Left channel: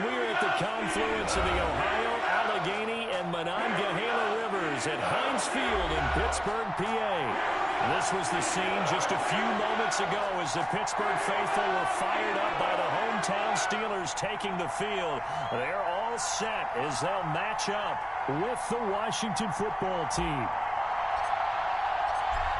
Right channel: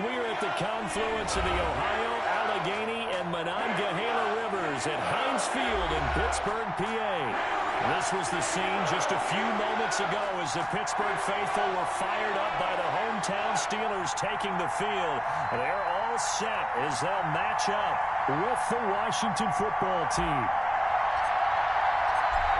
We're at the confluence of the Ohio, Allegheny, and Monongahela Rivers at Heinz Field in Pittsburgh, PA. This was the scene just a few moments ago as the Pittsburgh faithful were fired up by the hometown Steelers taking the field. They're all set as they'll match up with the Washington football team.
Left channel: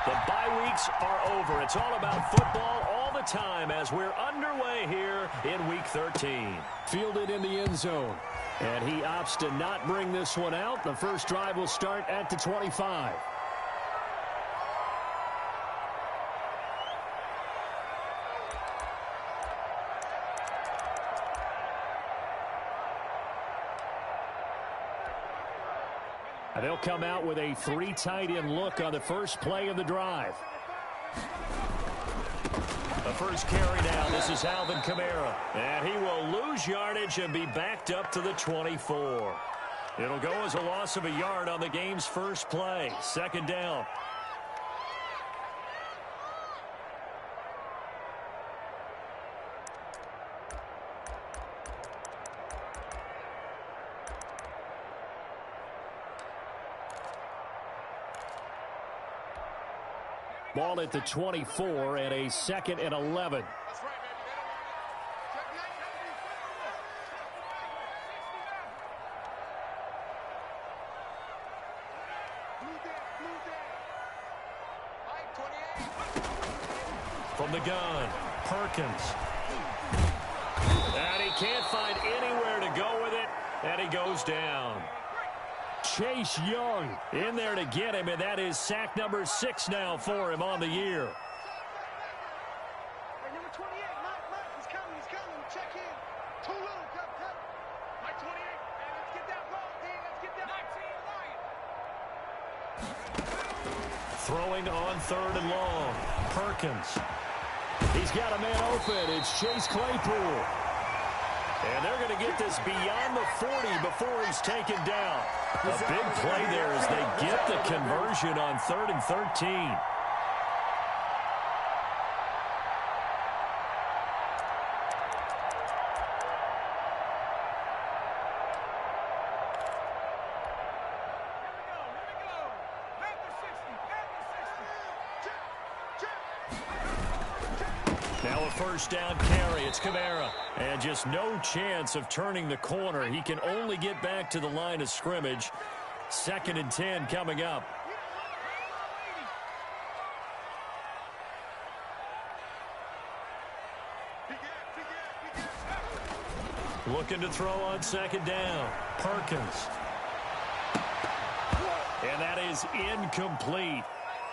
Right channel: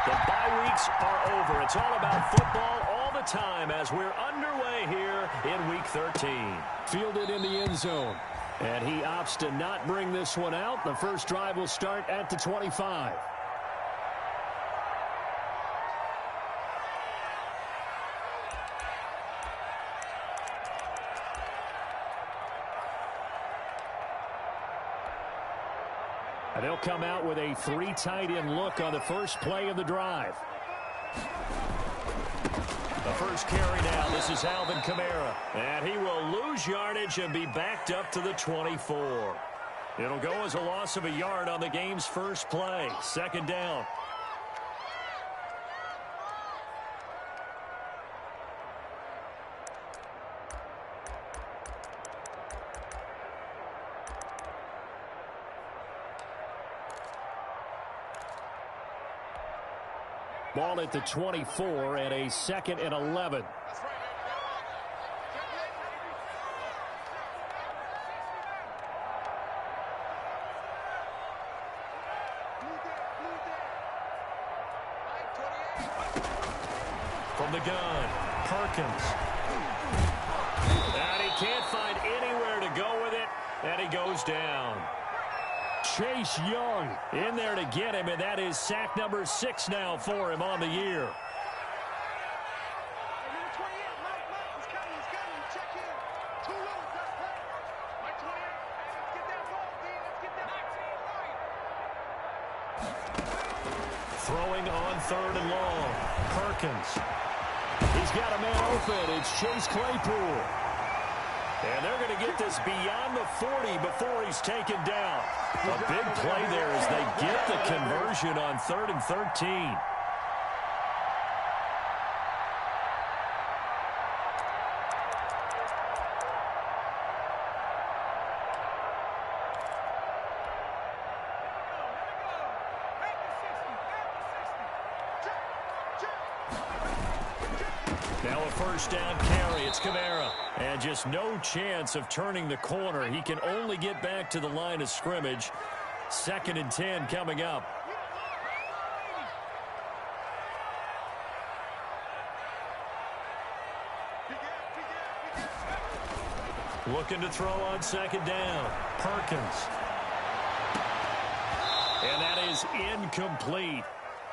The bye weeks are over. It's all about football all the time as we're underway here in Week 13. Fielded in the end zone. And he opts to not bring this one out. The first drive will start at the 25. They'll come out with a 3 tight end look on the first play of the drive. The first carry now. This is Alvin Kamara. And he will lose yardage and be backed up to the 24. It'll go as a loss of a yard on the game's first play. Second down. Ball at the 24 and a 2nd and 11. From the gun, Perkins. And he can't find anywhere to go with it, and he goes down. Chase Young in there to get him, and that is sack number 6 now for him on the year. Hey, number 28, Mike, he's coming, check in. Too little, cut. Mike 28, hey, let's get that ball, D, let's get that 19 right. Throwing on 3rd and long, Perkins. He's got a man open. It's Chase Claypool. And they're going to get this beyond the 40 before he's taken down. A big play there as they get the conversion on 3rd and 13. Now a first down carry. It's Kamara. And just no chance of turning the corner. He can only get back to the line of scrimmage. 2nd and 10 coming up. Looking to throw on 2nd down. Perkins. And that is incomplete.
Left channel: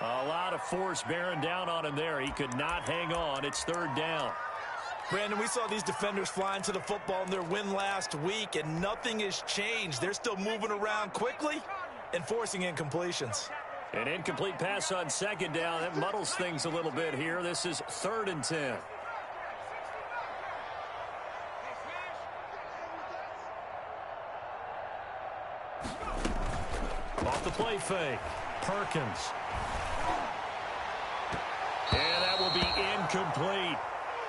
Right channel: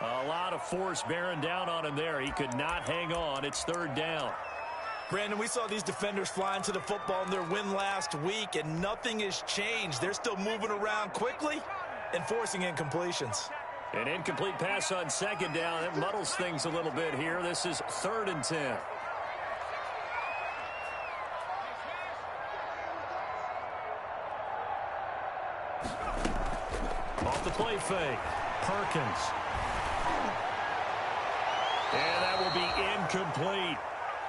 A lot of force bearing down on him there. He could not hang on. It's 3rd down. Brandon, we saw these defenders flying to the football in their win last week, and nothing has changed. They're still moving around quickly and forcing incompletions. An incomplete pass on 2nd down. That muddles things a little bit here. This is 3rd and 10. Off the play fake. Perkins. And that will be incomplete.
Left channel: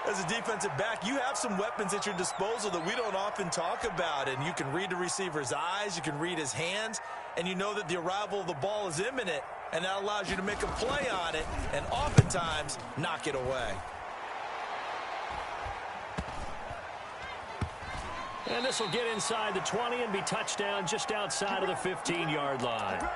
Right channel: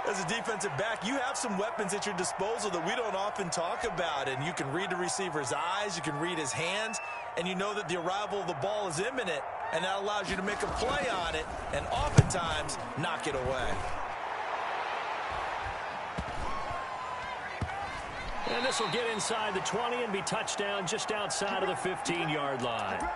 As a defensive back, you have some weapons at your disposal that we don't often talk about, and you can read the receiver's eyes, you can read his hands, and you know that the arrival of the ball is imminent, and that allows you to make a play on it and oftentimes knock it away. And this will get inside the 20 and be touchdown just outside of the 15-yard line.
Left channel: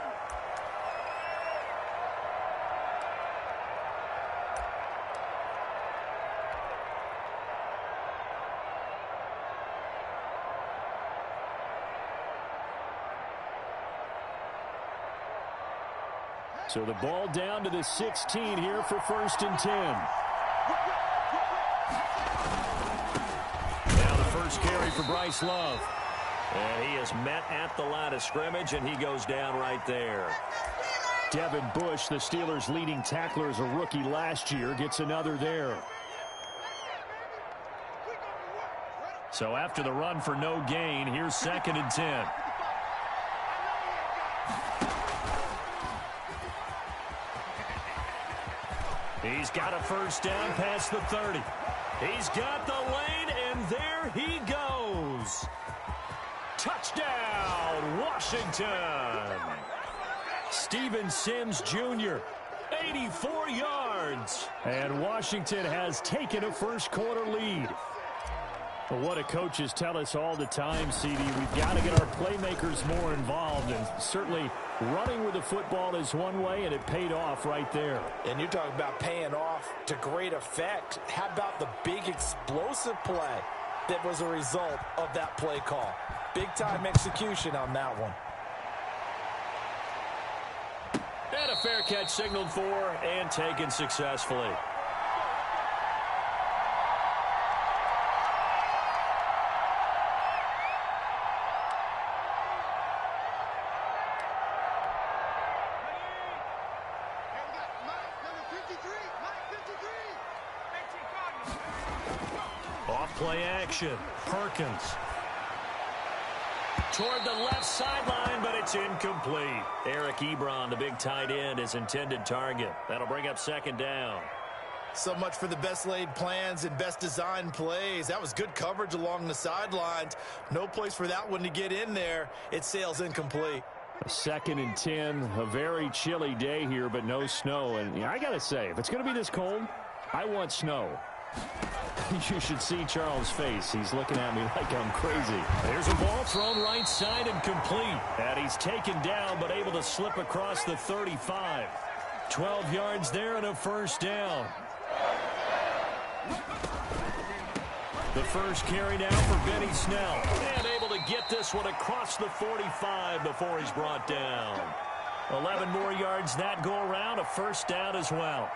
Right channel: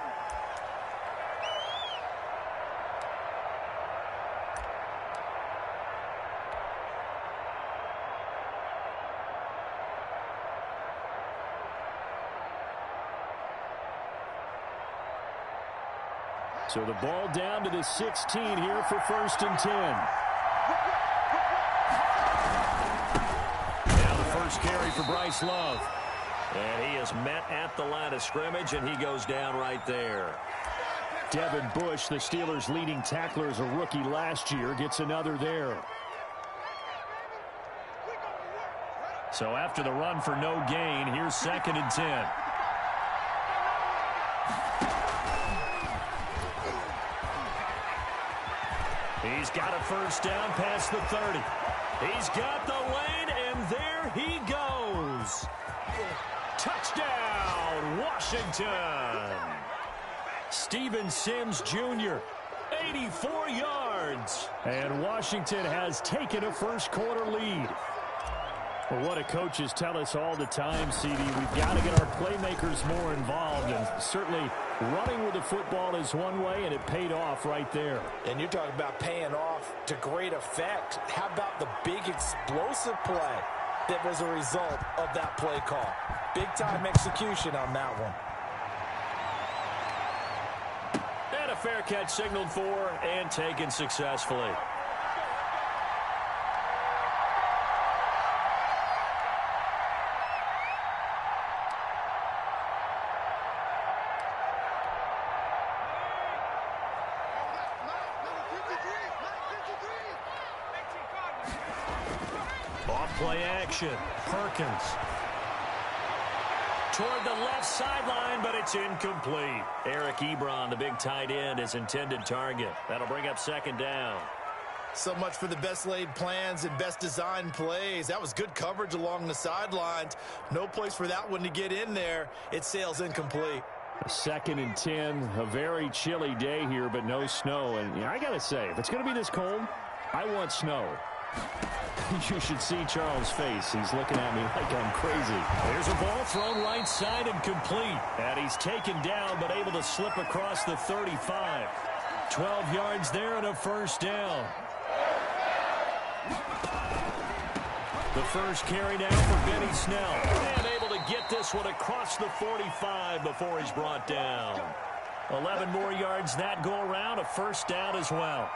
So the ball down to the 16 here for 1st and 10. Now the first carry for Bryce Love. And he is met at the line of scrimmage, and he goes down right there. Devin Bush, the Steelers' leading tackler as a rookie last year, gets another there. So after the run for no gain, here's 2nd and 10. He's got a first down past the 30. He's got the lane, and there he goes. Washington. Steven Sims Jr., 84 yards. And Washington has taken a first-quarter lead. Well, what do coaches tell us all the time, CD? We've got to get our playmakers more involved, and certainly running with the football is one way, and it paid off right there. And you're talking about paying off to great effect. How about the big explosive play that was a result of that play call? Big-time execution on that one. And a fair catch signaled for and taken successfully. Off-play action. Perkins. Toward the left sideline, but it's incomplete. Eric Ebron, the big tight end, his intended target. That'll bring up second down. So much for the best laid plans and best designed plays. That was good coverage along the sidelines. No place for that one to get in there. It sails incomplete. A 2nd and 10, a very chilly day here, but no snow. And I got to say, if it's going to be this cold, I want snow. You should see Charles' face. He's looking at me like I'm crazy. There's a ball thrown right side and complete. And he's taken down but able to slip across the 35. 12 yards there and a first down. The first carry now for Benny Snell. And able to get this one across the 45 before he's brought down. 11 more yards that go around, a first down as well.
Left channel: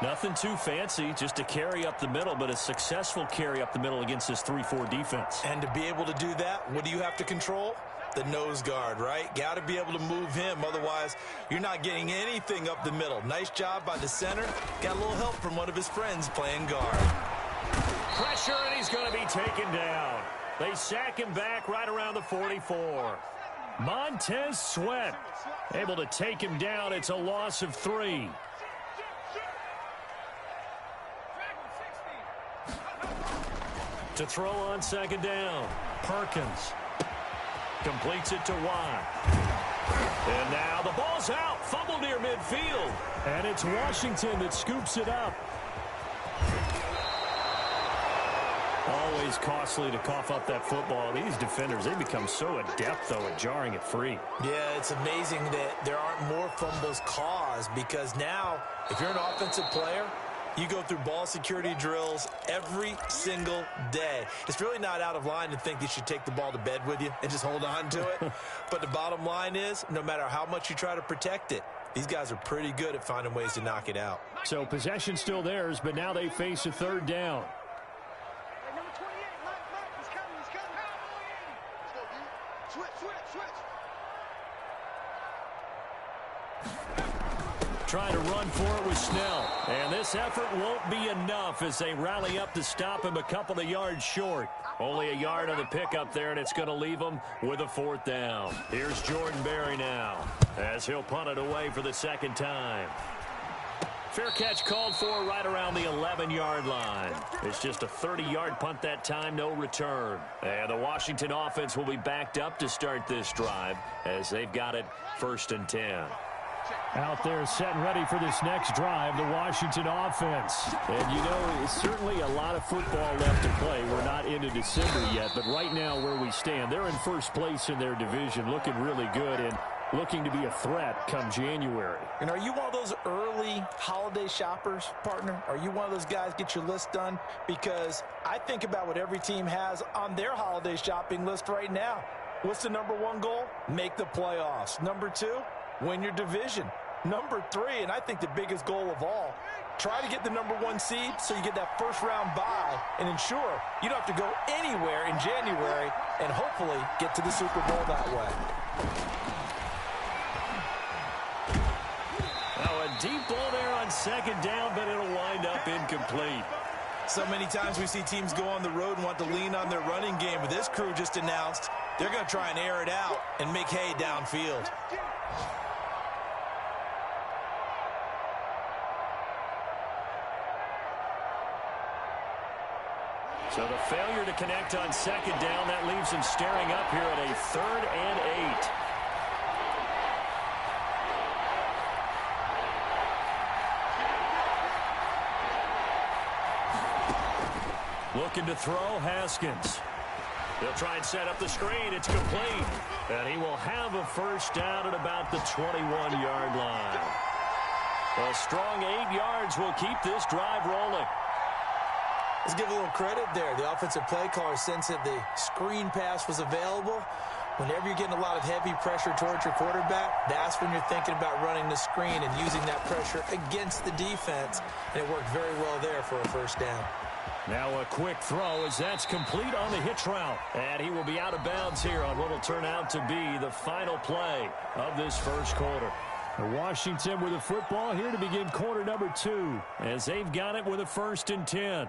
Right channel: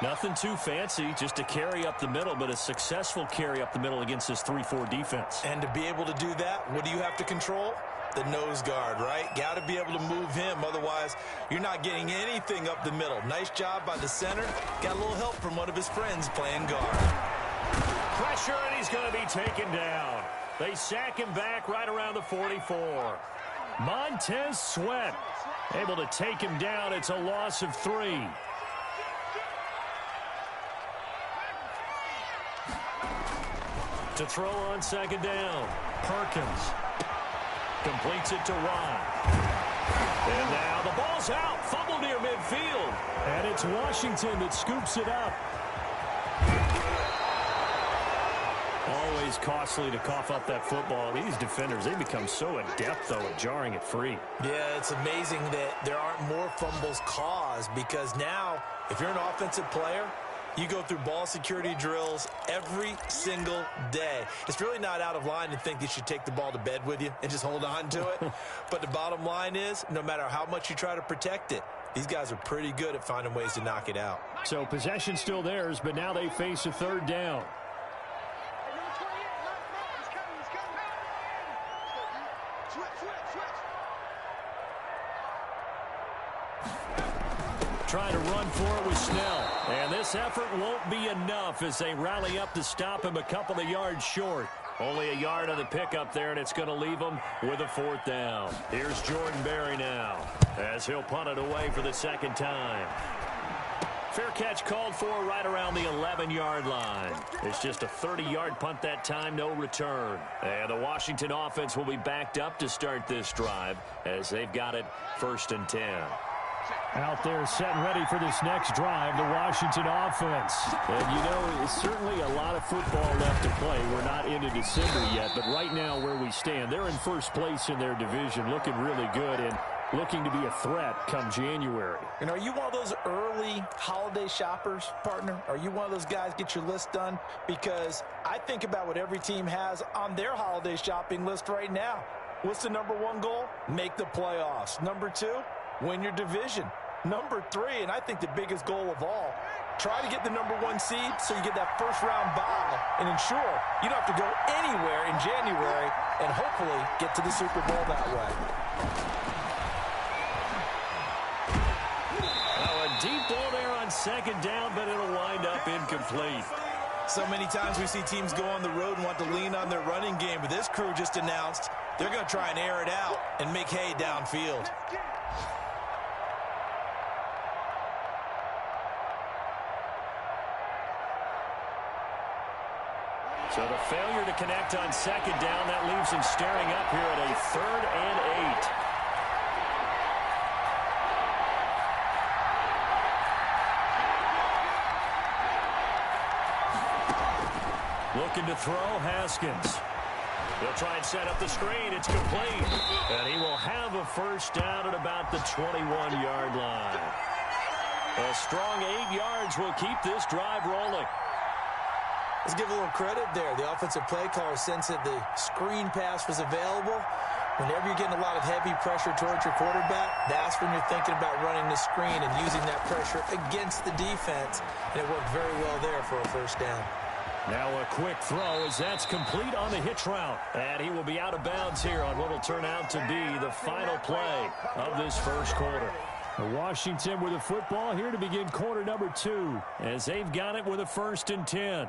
Nothing too fancy, just a carry up the middle, but a successful carry up the middle against this 3-4 defense. And to be able to do that, what do you have to control? The nose guard, right? Got to be able to move him. Otherwise, you're not getting anything up the middle. Nice job by the center. Got a little help from one of his friends playing guard. Pressure, and he's going to be taken down. They sack him back right around the 44. Montez Sweat able to take him down. It's a loss of 3. To throw on second down, Perkins completes it to Watt. And now the ball's out, fumble near midfield. And it's Washington that scoops it up. Always costly to cough up that football. These defenders, they become so adept, though, at jarring it free. Yeah, it's amazing that there aren't more fumbles caused, because now, if you're an offensive player, you go through ball security drills every single day. It's really not out of line to think you should take the ball to bed with you and just hold on to it. But the bottom line is, no matter how much you try to protect it, these guys are pretty good at finding ways to knock it out. So possession still theirs, but now they face a third down. Hey, number 28, Mike, he's coming, he's coming. Let's go, D. Switch. Trying to run for it with Snell. And this effort won't be enough as they rally up to stop him a couple of yards short. Only a yard on the pickup there, and it's going to leave him with a fourth down. Here's Jordan Berry now as he'll punt it away for the second time. Fair catch called for right around the 11-yard line. It's just a 30-yard punt that time, no return. And the Washington offense will be backed up to start this drive as they've got it 1st and 10. Out there set and ready for this next drive, the Washington offense. And, you know, it's certainly a lot of football left to play. We're not into December yet, but right now where we stand, they're in first place in their division, looking really good and looking to be a threat come January. And are you one of those early holiday shoppers, partner? Are you one of those guys get your list done? Because I think about what every team has on their holiday shopping list right now. What's the number 1 goal? Make the playoffs. Number 2, win your division. Number 3, and I think the biggest goal of all, try to get the number 1 seed so you get that first-round bye and ensure you don't have to go anywhere in January and hopefully get to the Super Bowl that way. Now a deep ball there on second down, but it'll wind up incomplete. So many times we see teams go on the road and want to lean on their running game, but this crew just announced they're going to try and air it out and make hay downfield. So the failure to connect on second down, that leaves him staring up here at a 3rd and 8. Looking to throw, Haskins. He'll try and set up the screen. It's complete. And he will have a first down at about the 21-yard line. A strong 8 yards will keep this drive rolling. Let's give a little credit there. The offensive play caller sensed that the screen pass was available. Whenever you're getting a lot of heavy pressure towards your quarterback, that's when you're thinking about running the screen and using that pressure against the defense. And it worked very well there for a first down. Now a quick throw as that's complete on the hitch route. And he will be out of bounds here on what will turn out to be the final play of this first quarter. Washington with the football here to begin quarter number 2. As they've got it with a 1st and 10.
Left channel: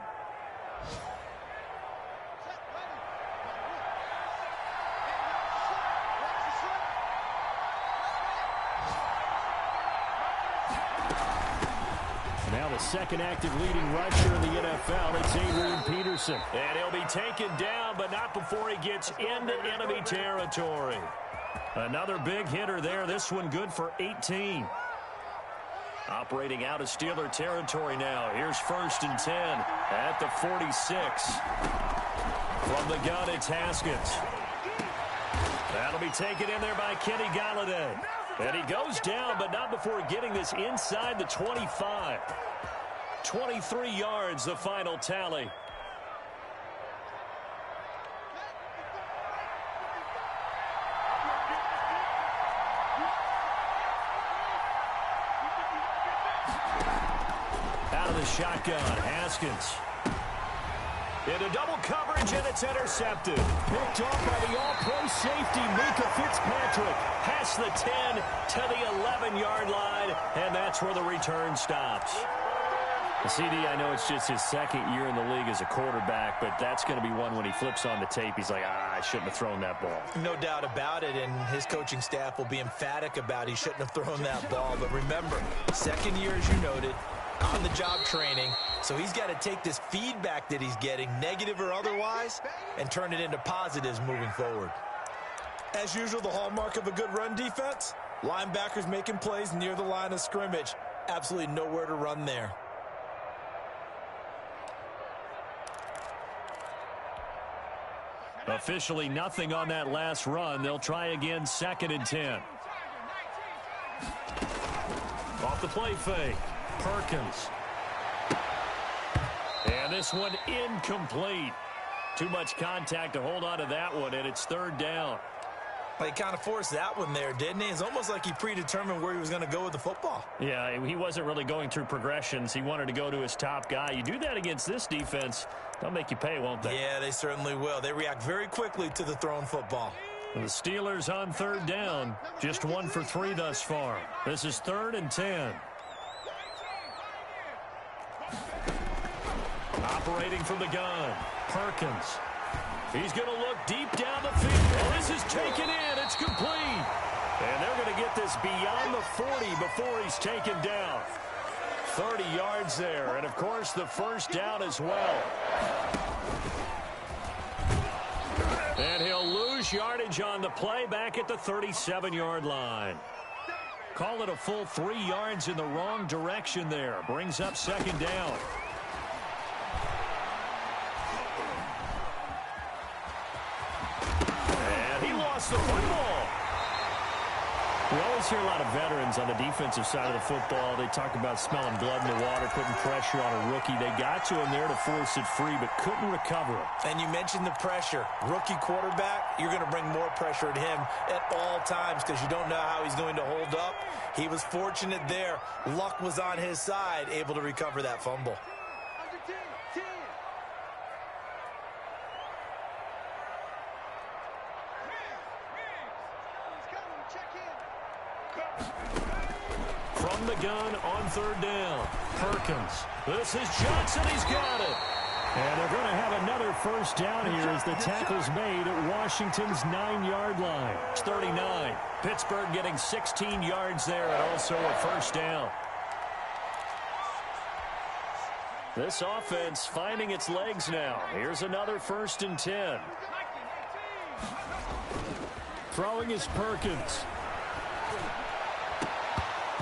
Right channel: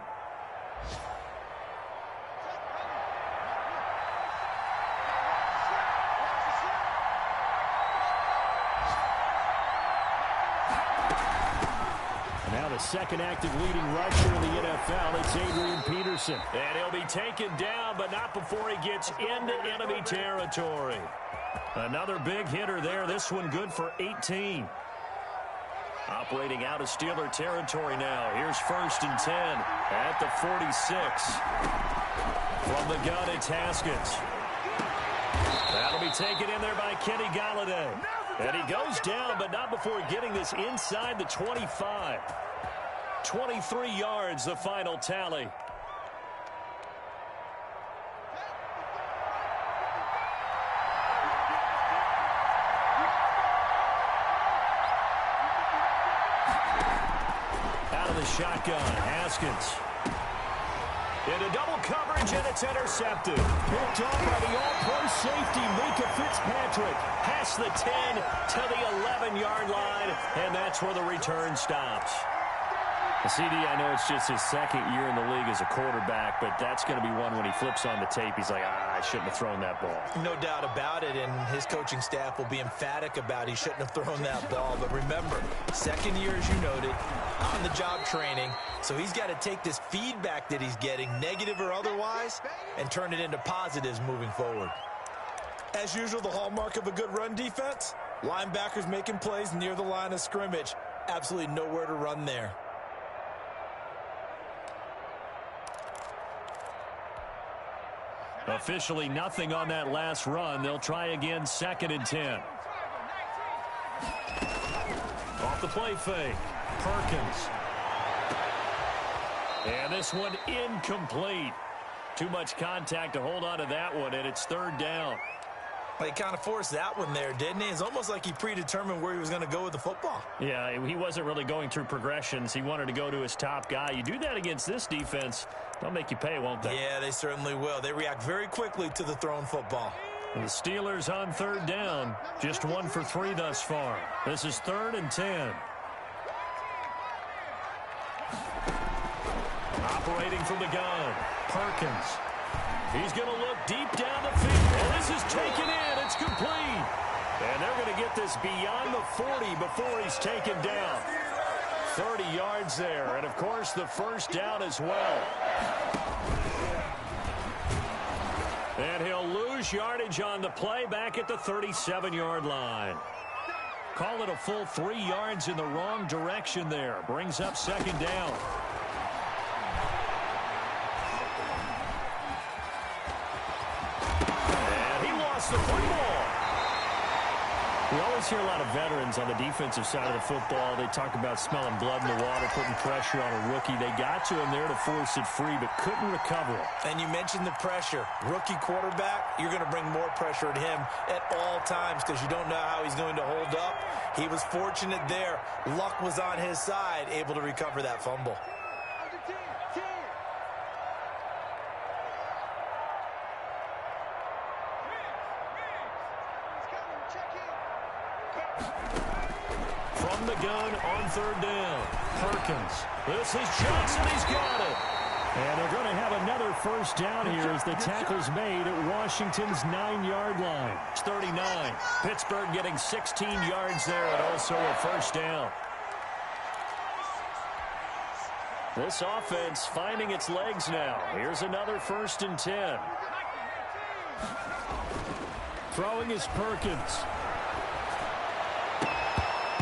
Now the second active leading rusher in the NFL, it's Adrian Peterson. And he'll be taken down, but not before he gets into enemy territory. Another big hitter there, this one good for 18. Operating out of Steeler territory now. Here's 1st and 10 at the 46. From the gun, it's Haskins. That'll be taken in there by Kenny Golladay. And he goes down, but not before getting this inside the 25. 23 yards, the final tally. Out of the shotgun, Haskins. Into double coverage, and it's intercepted. Picked off by the all-pro safety, Minkah Fitzpatrick. Past the 10 to the 11-yard line, and that's where the return stops. CD, I know it's just his 2nd year in the league as a quarterback, but that's going to be one when he flips on the tape. He's like, I shouldn't have thrown that ball. No doubt about it, and his coaching staff will be emphatic about he shouldn't have thrown that ball. But remember, 2nd year, as you noted, on-the-job training, so he's got to take this feedback that he's getting, negative or otherwise, and turn it into positives moving forward. As usual, the hallmark of a good run defense, linebackers making plays near the line of scrimmage. Absolutely nowhere to run there. Officially nothing on that last run. They'll try again, 2nd and 10. Off the play fake. Perkins. And this one incomplete. Too much contact to hold on to that one, and it's 3rd down. Well, he kind of forced that one there, didn't he? It's almost like he predetermined where he was going to go with the football. Yeah, he wasn't really going through progressions. He wanted to go to his top guy. You do that against this defense, they'll make you pay, won't they? Yeah, they certainly will. They react very quickly to the thrown football. And the Steelers on 3rd down, just 1 for 3 thus far. This is 3rd and 10. Operating from the gun, Perkins. He's going to look deep down the field. And this is taken in. It's complete. And they're going to get this beyond the 40 before he's taken down. 30 yards there. And, of course, the first down as well. And he'll lose yardage on the play back at the 37-yard line. Call it a full 3 yards in the wrong direction there. Brings up 2nd down. The football. We always hear a lot of veterans on the defensive side of the football. They talk about smelling blood in the water, putting pressure on a rookie. They got to him there to force it free, but couldn't recover it. And you mentioned the pressure. Rookie quarterback, you're going to bring more pressure at him at all times because you don't know how he's going to hold up. He was fortunate there. Luck was on his side, able to recover that fumble. From the gun on 3rd down. Perkins. This is Johnson. He's got it. And they're going to have another first down here as the tackle's made at Washington's 9-yard line. It's 39. Pittsburgh getting 16 yards there and also a first down. This offense finding its legs now. Here's another 1st and 10. Throwing is Perkins.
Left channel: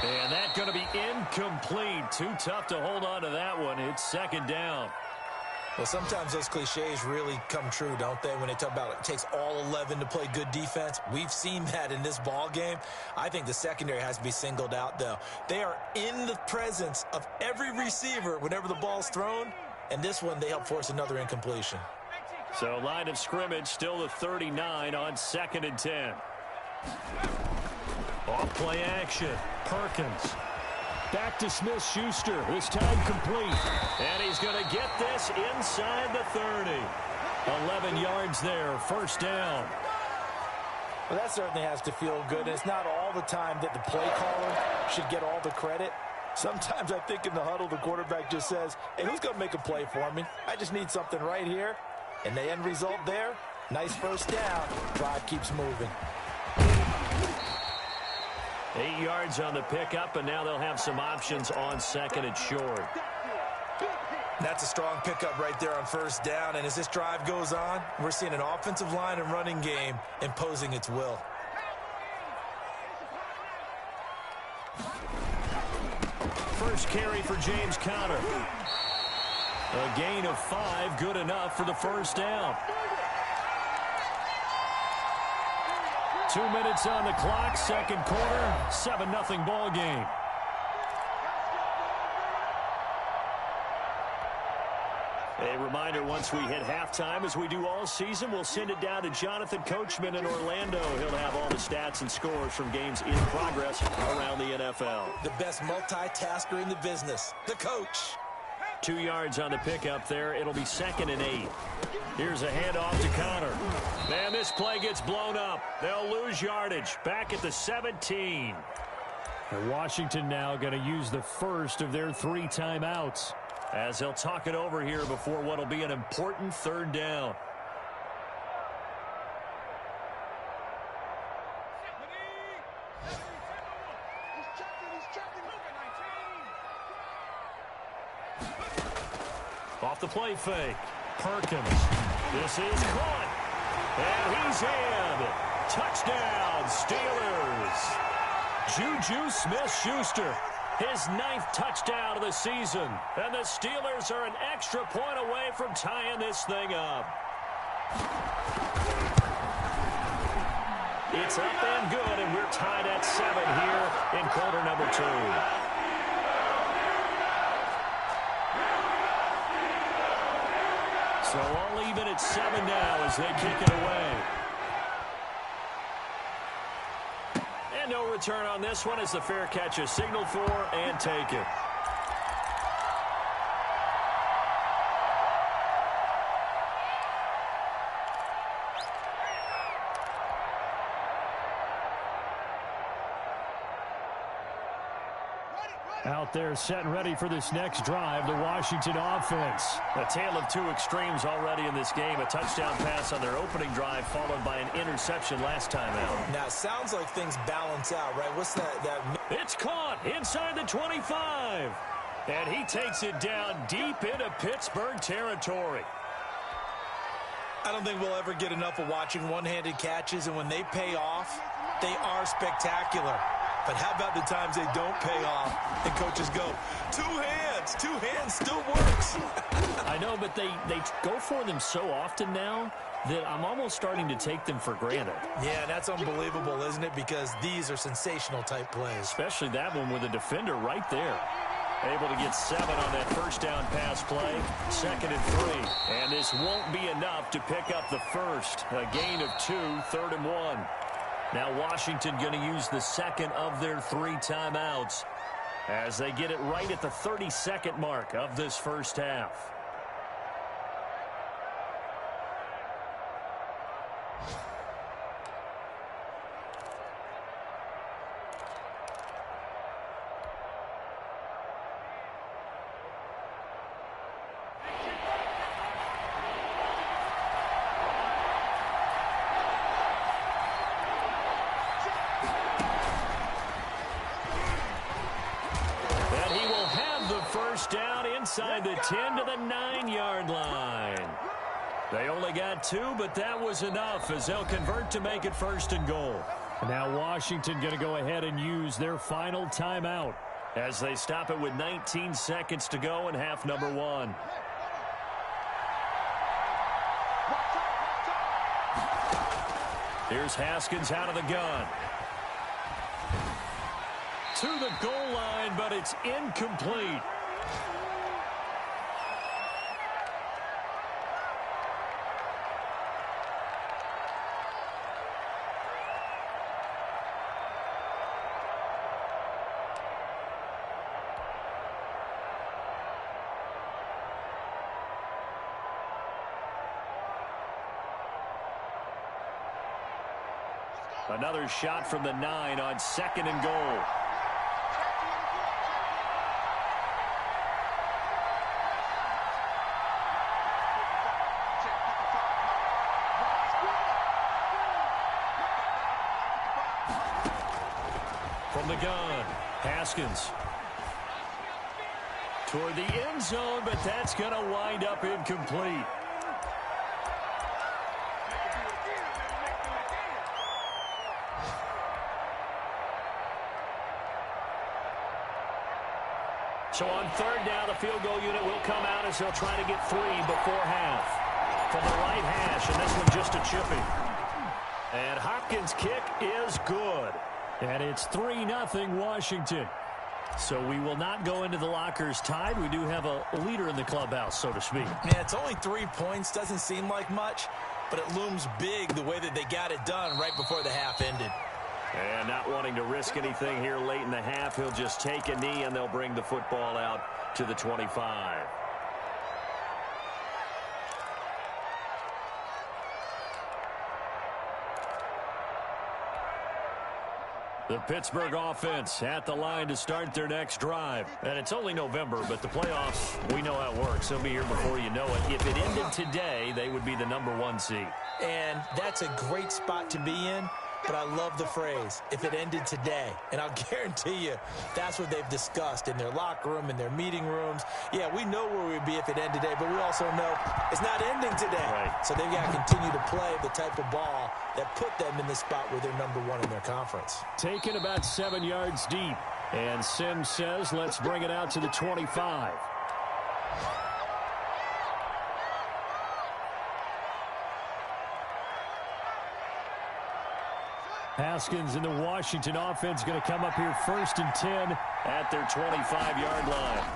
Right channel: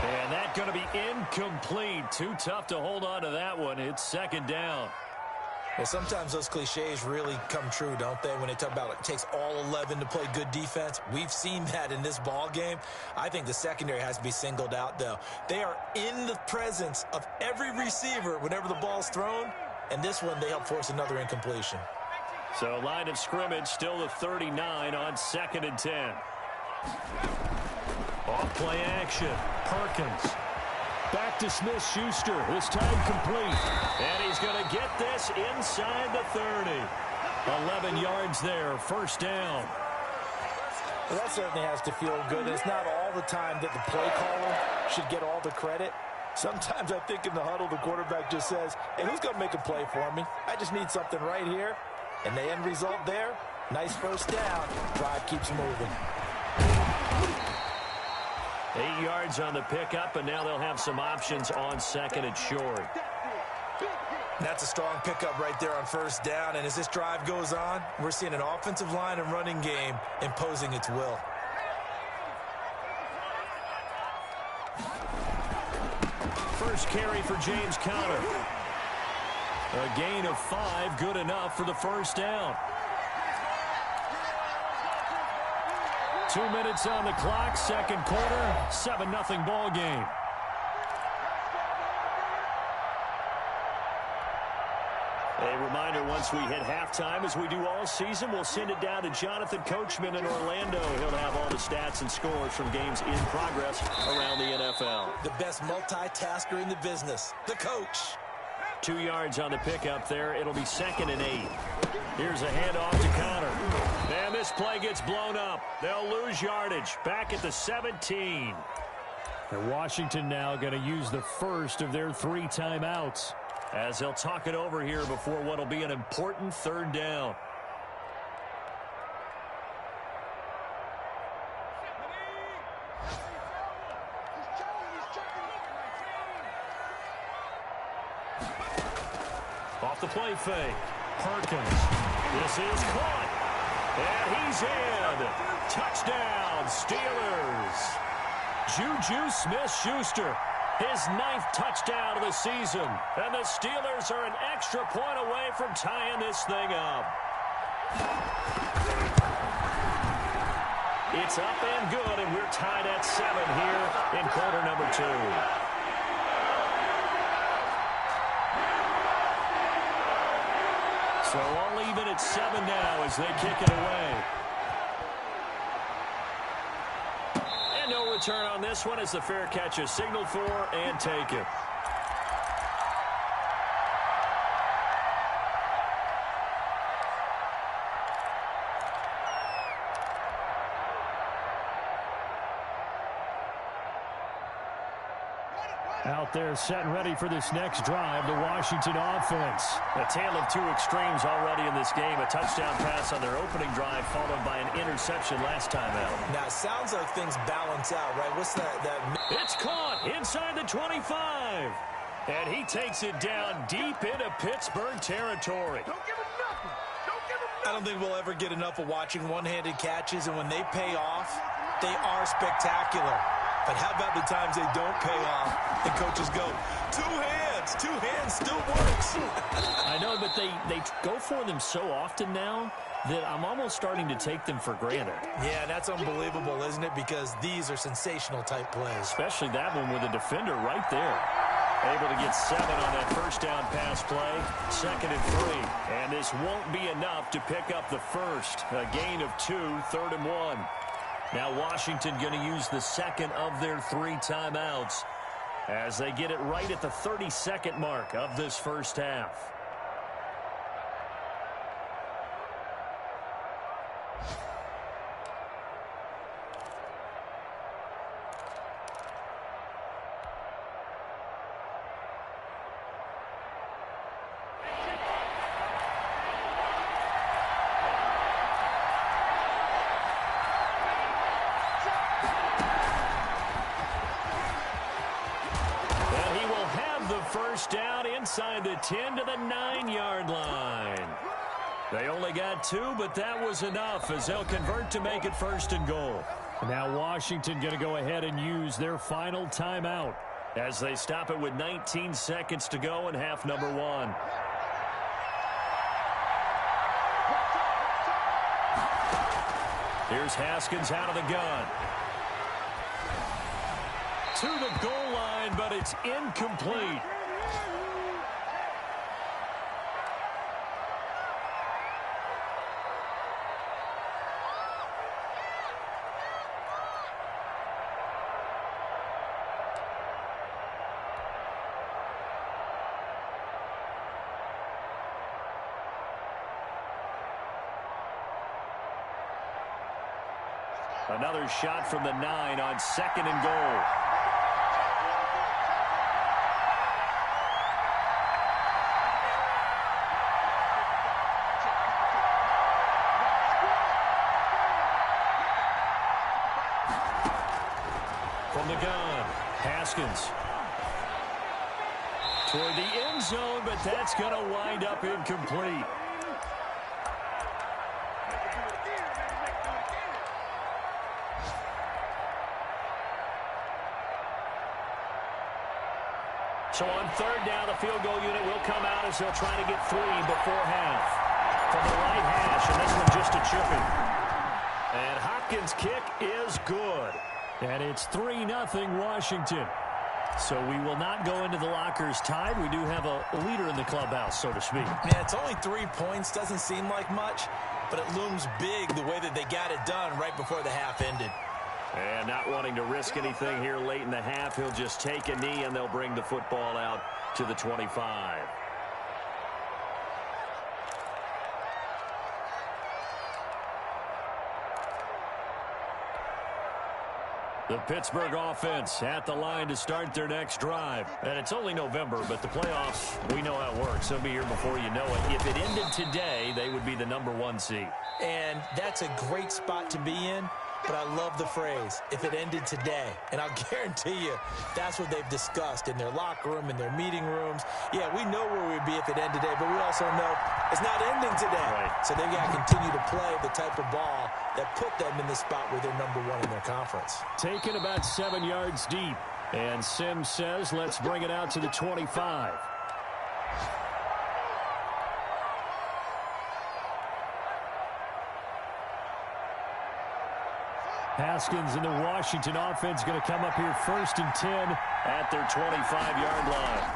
And that's going to be incomplete. Too tough to hold on to that one. It's 2nd down. Well, sometimes those cliches really come true, don't they, when they talk about it takes all 11 to play good defense. We've seen that in this ball game. I think the secondary has to be singled out, though. They are in the presence of every receiver whenever the ball's thrown, and this one they help force another incompletion. So line of scrimmage still the 39 on 2nd and 10. Off play action. Perkins. Back to Smith-Schuster. This time complete. And he's going to get this inside the 30. 11 yards there. 1st down. Well, that certainly has to feel good. It's not all the time that the play caller should get all the credit. Sometimes I think in the huddle, the quarterback just says, hey, who's going to make a play for me? I just need something right here. And the end result there, nice 1st down. Drive keeps moving. 8 yards on the pickup, and now they'll have some options on 2nd and short. That's a strong pickup right there on 1st down, and as this drive goes on, we're seeing an offensive line and running game imposing its will. First carry for James Conner. A gain of 5, good enough for the 1st down. 2 minutes on the clock, 2nd quarter, 7-0 ball game. A reminder, once we hit halftime, as we do all season, we'll send it down to Jonathan Coachman in Orlando. He'll have all the stats and scores from games in progress around the NFL. The best multitasker in the business, the coach. 2 yards on the pickup there. It'll be 2nd and 8. Here's a handoff to Conner. And this play gets blown up. They'll lose yardage. Back at the 17. And Washington now going to use the first of their 3 timeouts, as they'll talk it over here before what will be an important 3rd down. Off the play fake. Perkins. This is caught. And he's in. Touchdown, Steelers. Juju Smith-Schuster. His 9th touchdown of the season. And the Steelers are an extra point away from tying this thing up. It's up and good, and we're tied at 7 here in quarter number 2. So all even at 7 now as they kick it away. And no return on this one as the fair catch is signaled for and taken. Out there set and ready for this next drive, the Washington offense. A tale of 2 extremes already in this game. A touchdown pass on their opening drive followed by an interception last time out. Now, it sounds like things balance out, right? What's that? It's caught inside the 25. And he takes it down deep into Pittsburgh territory. I don't think we'll ever get enough of watching one-handed catches, and when they pay off, they are spectacular. But how about the times they don't pay off and coaches go, 2 hands, 2 hands still works. I know, but they go for them so often now that I'm almost starting to take them for granted. Yeah, that's unbelievable, isn't it? Because these are sensational type plays. Especially that one with a defender right there. Able to get 7 on that 1st down pass play. 2nd and 3. And this won't be enough to pick up the first. A gain of 2, 3rd and 1. Now Washington going to use the 2nd of their 3 timeouts as they get it right at the 32nd mark of this first half. inside the 10 to the 9-yard line. They only got 2, but that was enough as they'll convert to make it 1st and goal. Now Washington going to go ahead and use their final timeout as they stop it with 19 seconds to go in half number 1. Here's Haskins out of the gun. To the goal line, but it's incomplete. Another shot from the 9 on 2nd and goal. From the gun, Haskins. Toward the end zone, but that's going to wind up incomplete. So on 3rd down, the field goal unit will come out as they'll try to get 3 before half. From the right hash, and this one just a chipping. And Hopkins' kick is good. And it's 3-0 Washington. So we will not go into the lockers tied. We do have a leader in the clubhouse, so to speak. Man, it's only 3 points. Doesn't seem like much, but it looms big the way that they got it done right before the half ended. And not wanting to risk anything here late in the half, he'll just take a knee and they'll bring the football out to the 25. The Pittsburgh offense at the line to start their next drive. And it's only November, but the playoffs, we know how it works. They'll be here before you know it. If it ended today, they would be the number 1 seed. And that's a great spot to be in. But I love the phrase, if it ended today. And I'll guarantee you, that's what they've discussed in their locker room, in their meeting rooms. Yeah, we know where we'd be if it ended today, but we also know it's not ending today. Right. So they've got to continue to play the type of ball that put them in the spot where they're number 1 in their conference. Taken about 7 yards deep. And Sims says, let's bring it out to the 25. Haskins and the Washington offense going to come up here 1st and 10 at their 25-yard line.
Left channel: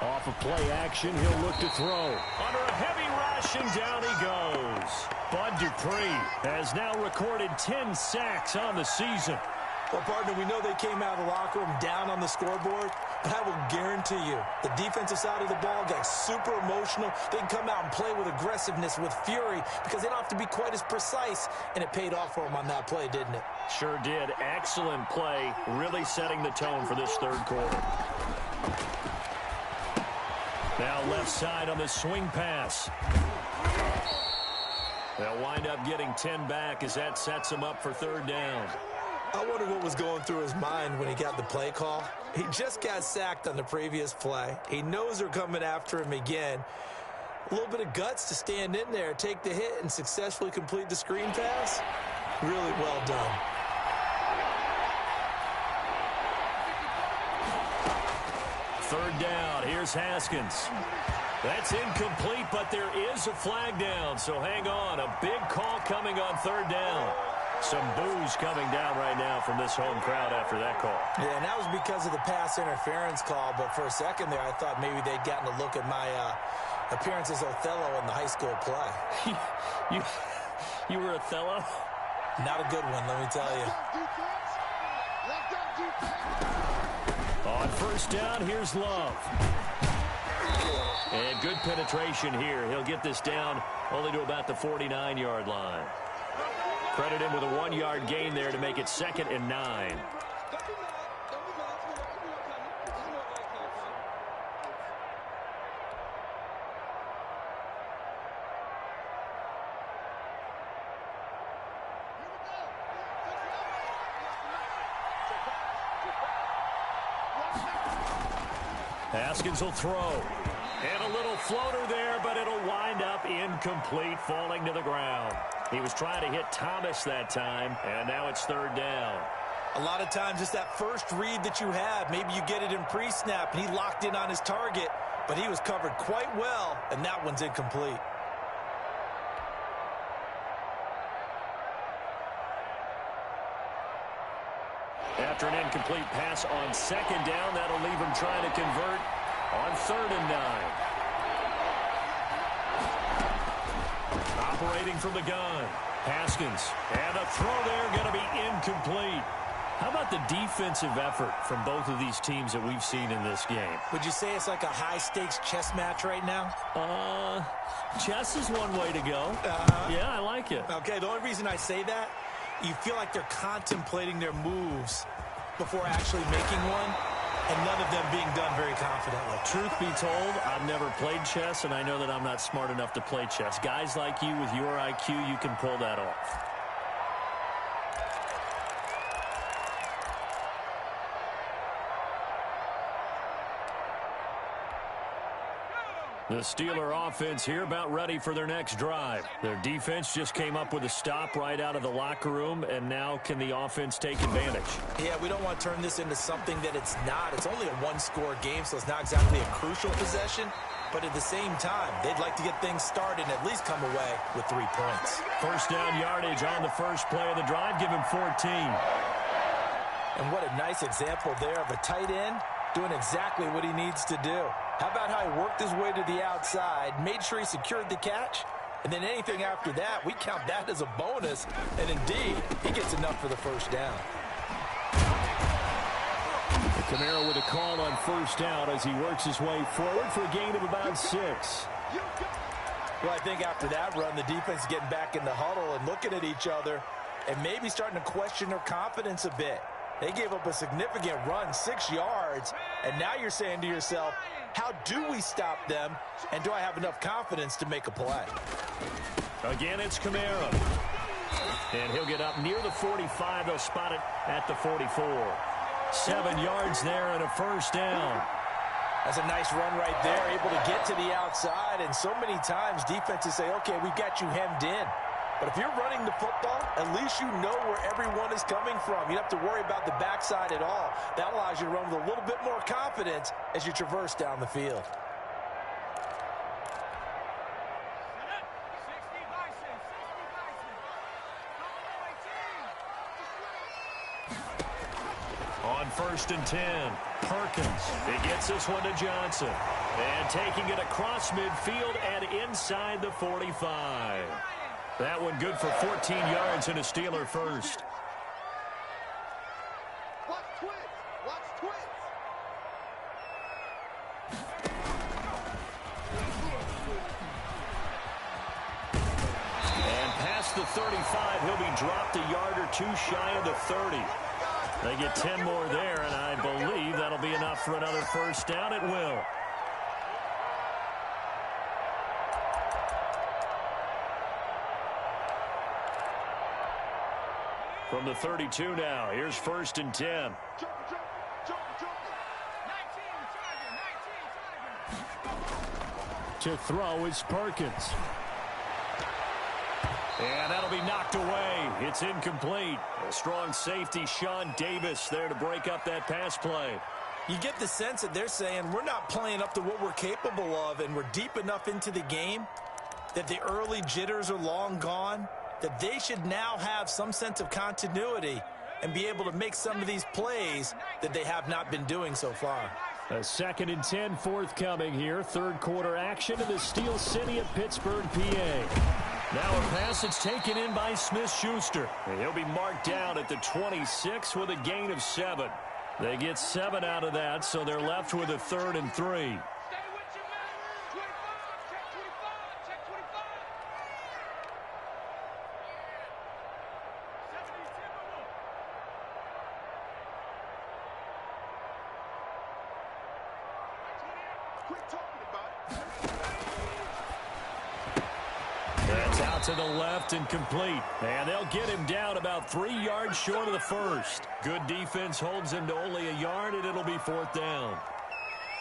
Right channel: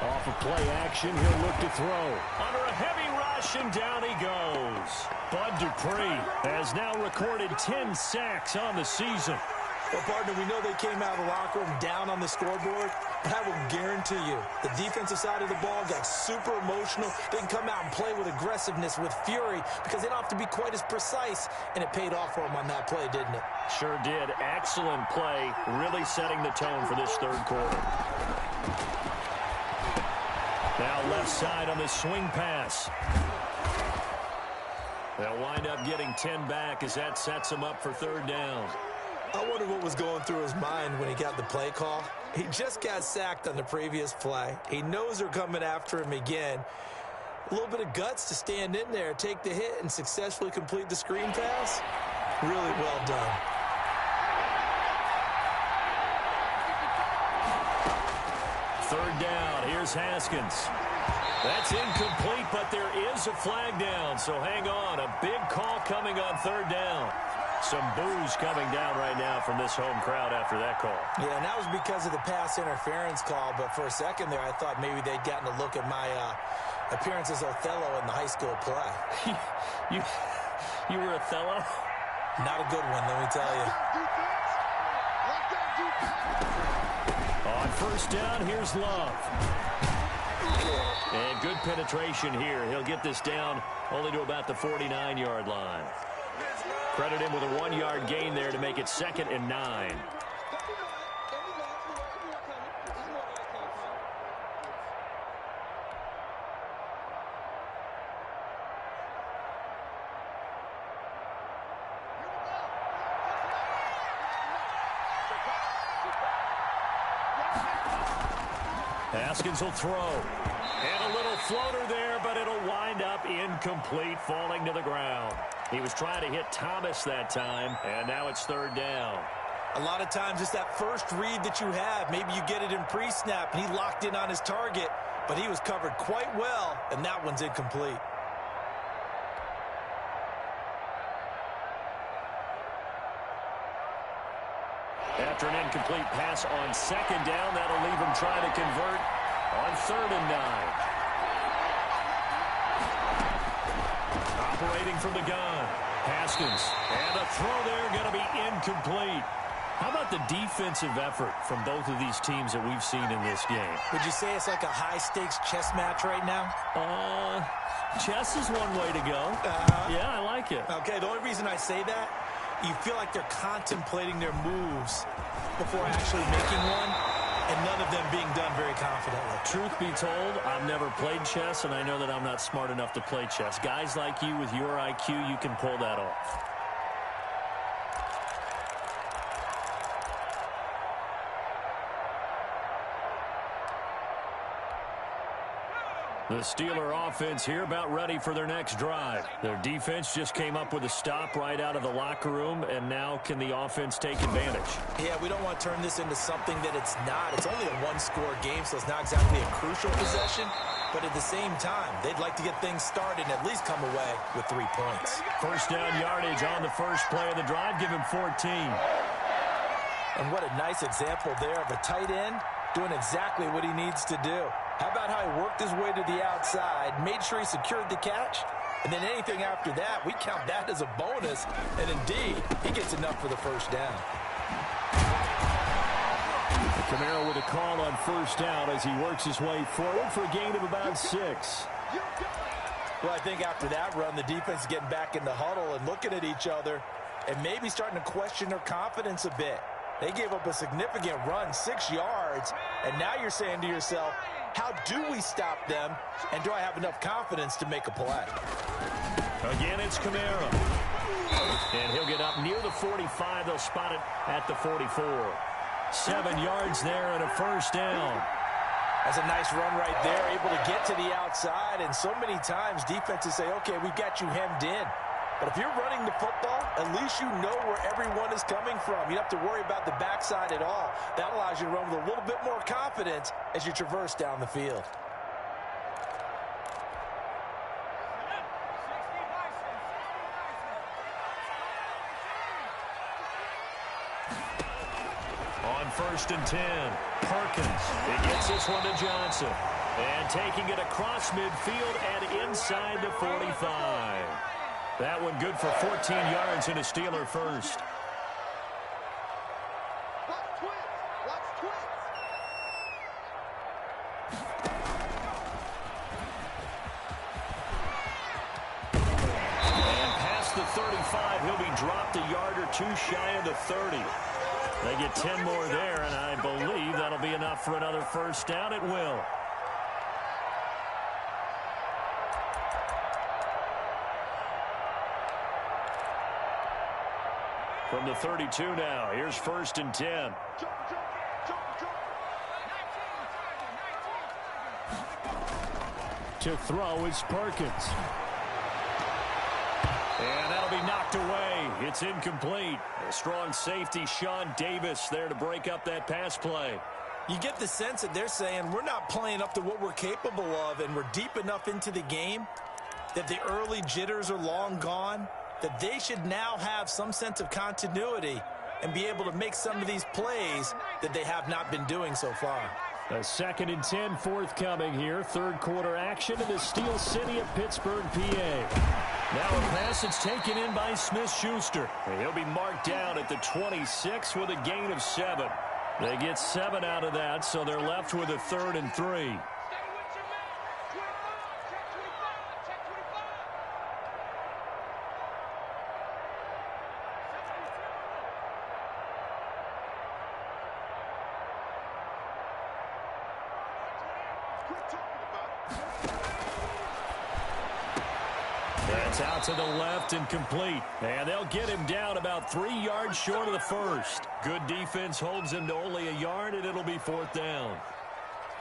Off of play action, he'll look to throw. Under a heavy rush, and down he goes. Bud Dupree has now recorded 10 sacks on the season. Well, partner, we know they came out of the locker room down on the scoreboard, but I will guarantee you the defensive side of the ball got super emotional. They can come out and play with aggressiveness, with fury, because they don't have to be quite as precise, and it paid off for them on that play, didn't it? Sure did. Excellent play, really setting the tone for this 3rd quarter. Now left side on the swing pass. They'll wind up getting 10 back as that sets them up for 3rd down. I wonder what was going through his mind when he got the play call. He just got sacked on the previous play. He knows they're coming after him again. A little bit of guts to stand in there, take the hit, and successfully complete the screen pass. Really well done. Third down. Here's Haskins. That's incomplete, but there is a flag down, so hang on. A big call coming on 3rd down. Some boos coming down right now from this home crowd after that call. Yeah, and that was because of the pass interference call, but for a second there, I thought maybe they'd gotten a look at my appearance as Othello in the high school play. You were Othello? Not a good one, let me tell you. On 1st down, here's Love. And good penetration here. He'll get this down only to about the 49-yard line. Credit him with a 1-yard gain there to make it 2nd and 9. Haskins will throw. And a little floater there, but it'll wind up incomplete, falling to the ground. He was trying to hit Thomas that time, and now it's third down. A lot of times it's that first read that you have. Maybe you get it in pre-snap, and he locked in on his target, but he was covered quite well, and that one's incomplete. After an incomplete pass on second down, that'll leave him trying to convert on 3rd and 9. Operating from the gun. Haskins. And a throw there going to be incomplete. How about the defensive effort from both of these teams that we've seen in this game? Would you say it's like a high-stakes chess match right now? Chess is one way to go. Yeah, I like it. Okay, the only reason I say that, you feel like they're contemplating their moves before actually making one, and none of them being done very confidently. Truth be told, I've never played chess, and I know that I'm not smart enough to play chess. Guys like you with your IQ, you can pull that off. The Steeler offense here about ready for their next drive. Their defense just came up with a stop right out of the locker room, and now can the offense take advantage? Yeah, we don't want to turn this into something that it's not. It's only a one-score game, so it's not exactly a crucial possession. But at the same time, they'd like to get things started and at least come away with 3 points. First down yardage on the first play of the drive. Give him 14. And what a nice example there of a tight end doing exactly what he needs to do. How about how he worked his way to the outside, made sure he secured the catch, and then anything after that, we count that as a bonus. And indeed, he gets enough for the first down. Kamara with a call on first down as he works his way forward for a gain of about 6. Well, I think after that run, the defense is getting back in the huddle and looking at each other and maybe starting to question their confidence a bit. They gave up a significant run, 6 yards, and now you're saying to yourself, how do we stop them, and do I have enough confidence to make a play? Again, it's Kamara. And he'll get up near the 45. They'll spot it at the 44. 7 yards there and a first down. That's a nice run right there, able to get to the outside, and so many times defenses say, okay, we got you hemmed in. But if you're running the football, at least you know where everyone is coming from. You don't have to worry about the backside at all. That allows you to run with a little bit more confidence as you traverse down the field. On 1st and 10, Perkins. He gets this one to Johnson. And taking it across midfield and inside the 45. That one good for 14 yards and a Steeler first. Watch twins. Watch twins. And past the 35, he'll be dropped a yard or two shy of the 30. They get 10 more there, and I believe that'll be enough for another first down. It will. From the 32 now, here's 1st and 10. To throw is Perkins. And that'll be knocked away. It's incomplete. A strong safety, Sean Davis, there to break up that pass play. You get the sense that they're saying we're not playing up to what we're capable of, and we're deep enough into the game that the early jitters are long gone, that they should now have some sense of continuity and be able to make some of these plays that they have not been doing so far. A 2nd and 10 forthcoming here. 3rd quarter action in the Steel City of Pittsburgh, PA. Now a pass that's taken in by Smith-Schuster. He'll be marked down at the 26 with a gain of 7. They get 7 out of that, so they're left with a 3rd and 3. That's out to the left and complete. And they'll get him down about 3 yards short of the first. Good defense holds him to only a yard, and it'll be 4th down.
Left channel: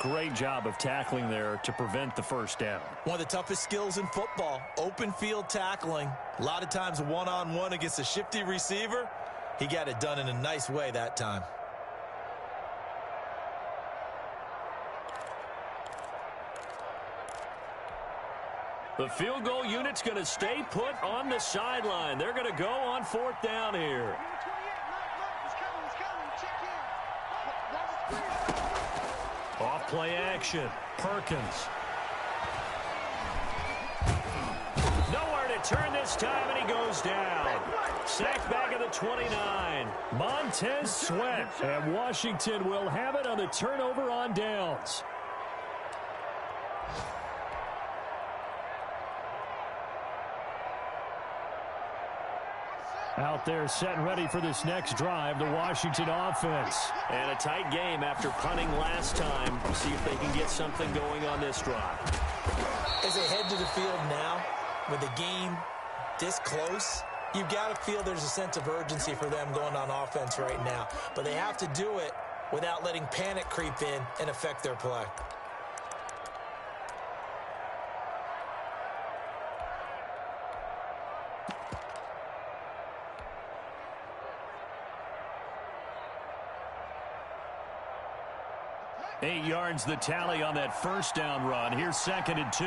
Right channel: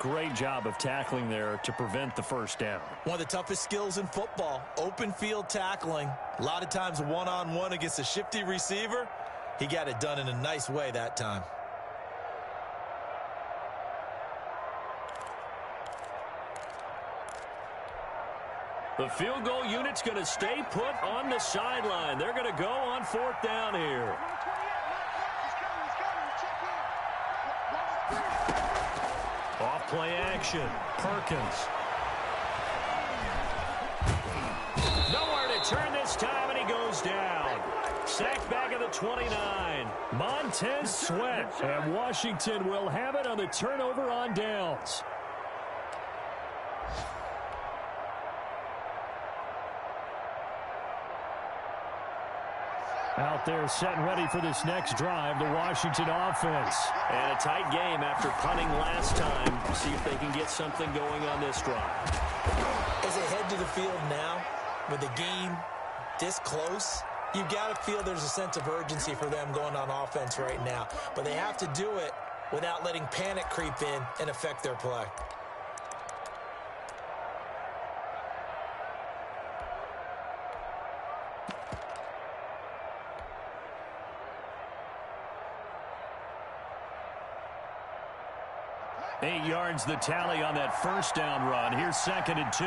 Great job of tackling there to prevent the first down. One of the toughest skills in football, open field tackling. A lot of times one-on-one against a shifty receiver. He got it done in a nice way that time. The field goal unit's going to stay put on the sideline. They're going to go on fourth down here. Number 28, Mike, he's coming, check in. Watch the screen. Off play action. Perkins. Nowhere to turn this time, and he goes down. Sacked back at the 29. Montez Sweat. And Washington will have it on the turnover on downs. Out there set and ready for this next drive, the Washington offense. And a tight game after punting last time. See if they can get something going on this drive. As they head to the field now, with the game this close, you've got to feel there's a sense of urgency for them going on offense right now. But they have to do it without letting panic creep in and affect their play. Eight yards the tally on that first down run. Here's 2nd and 2.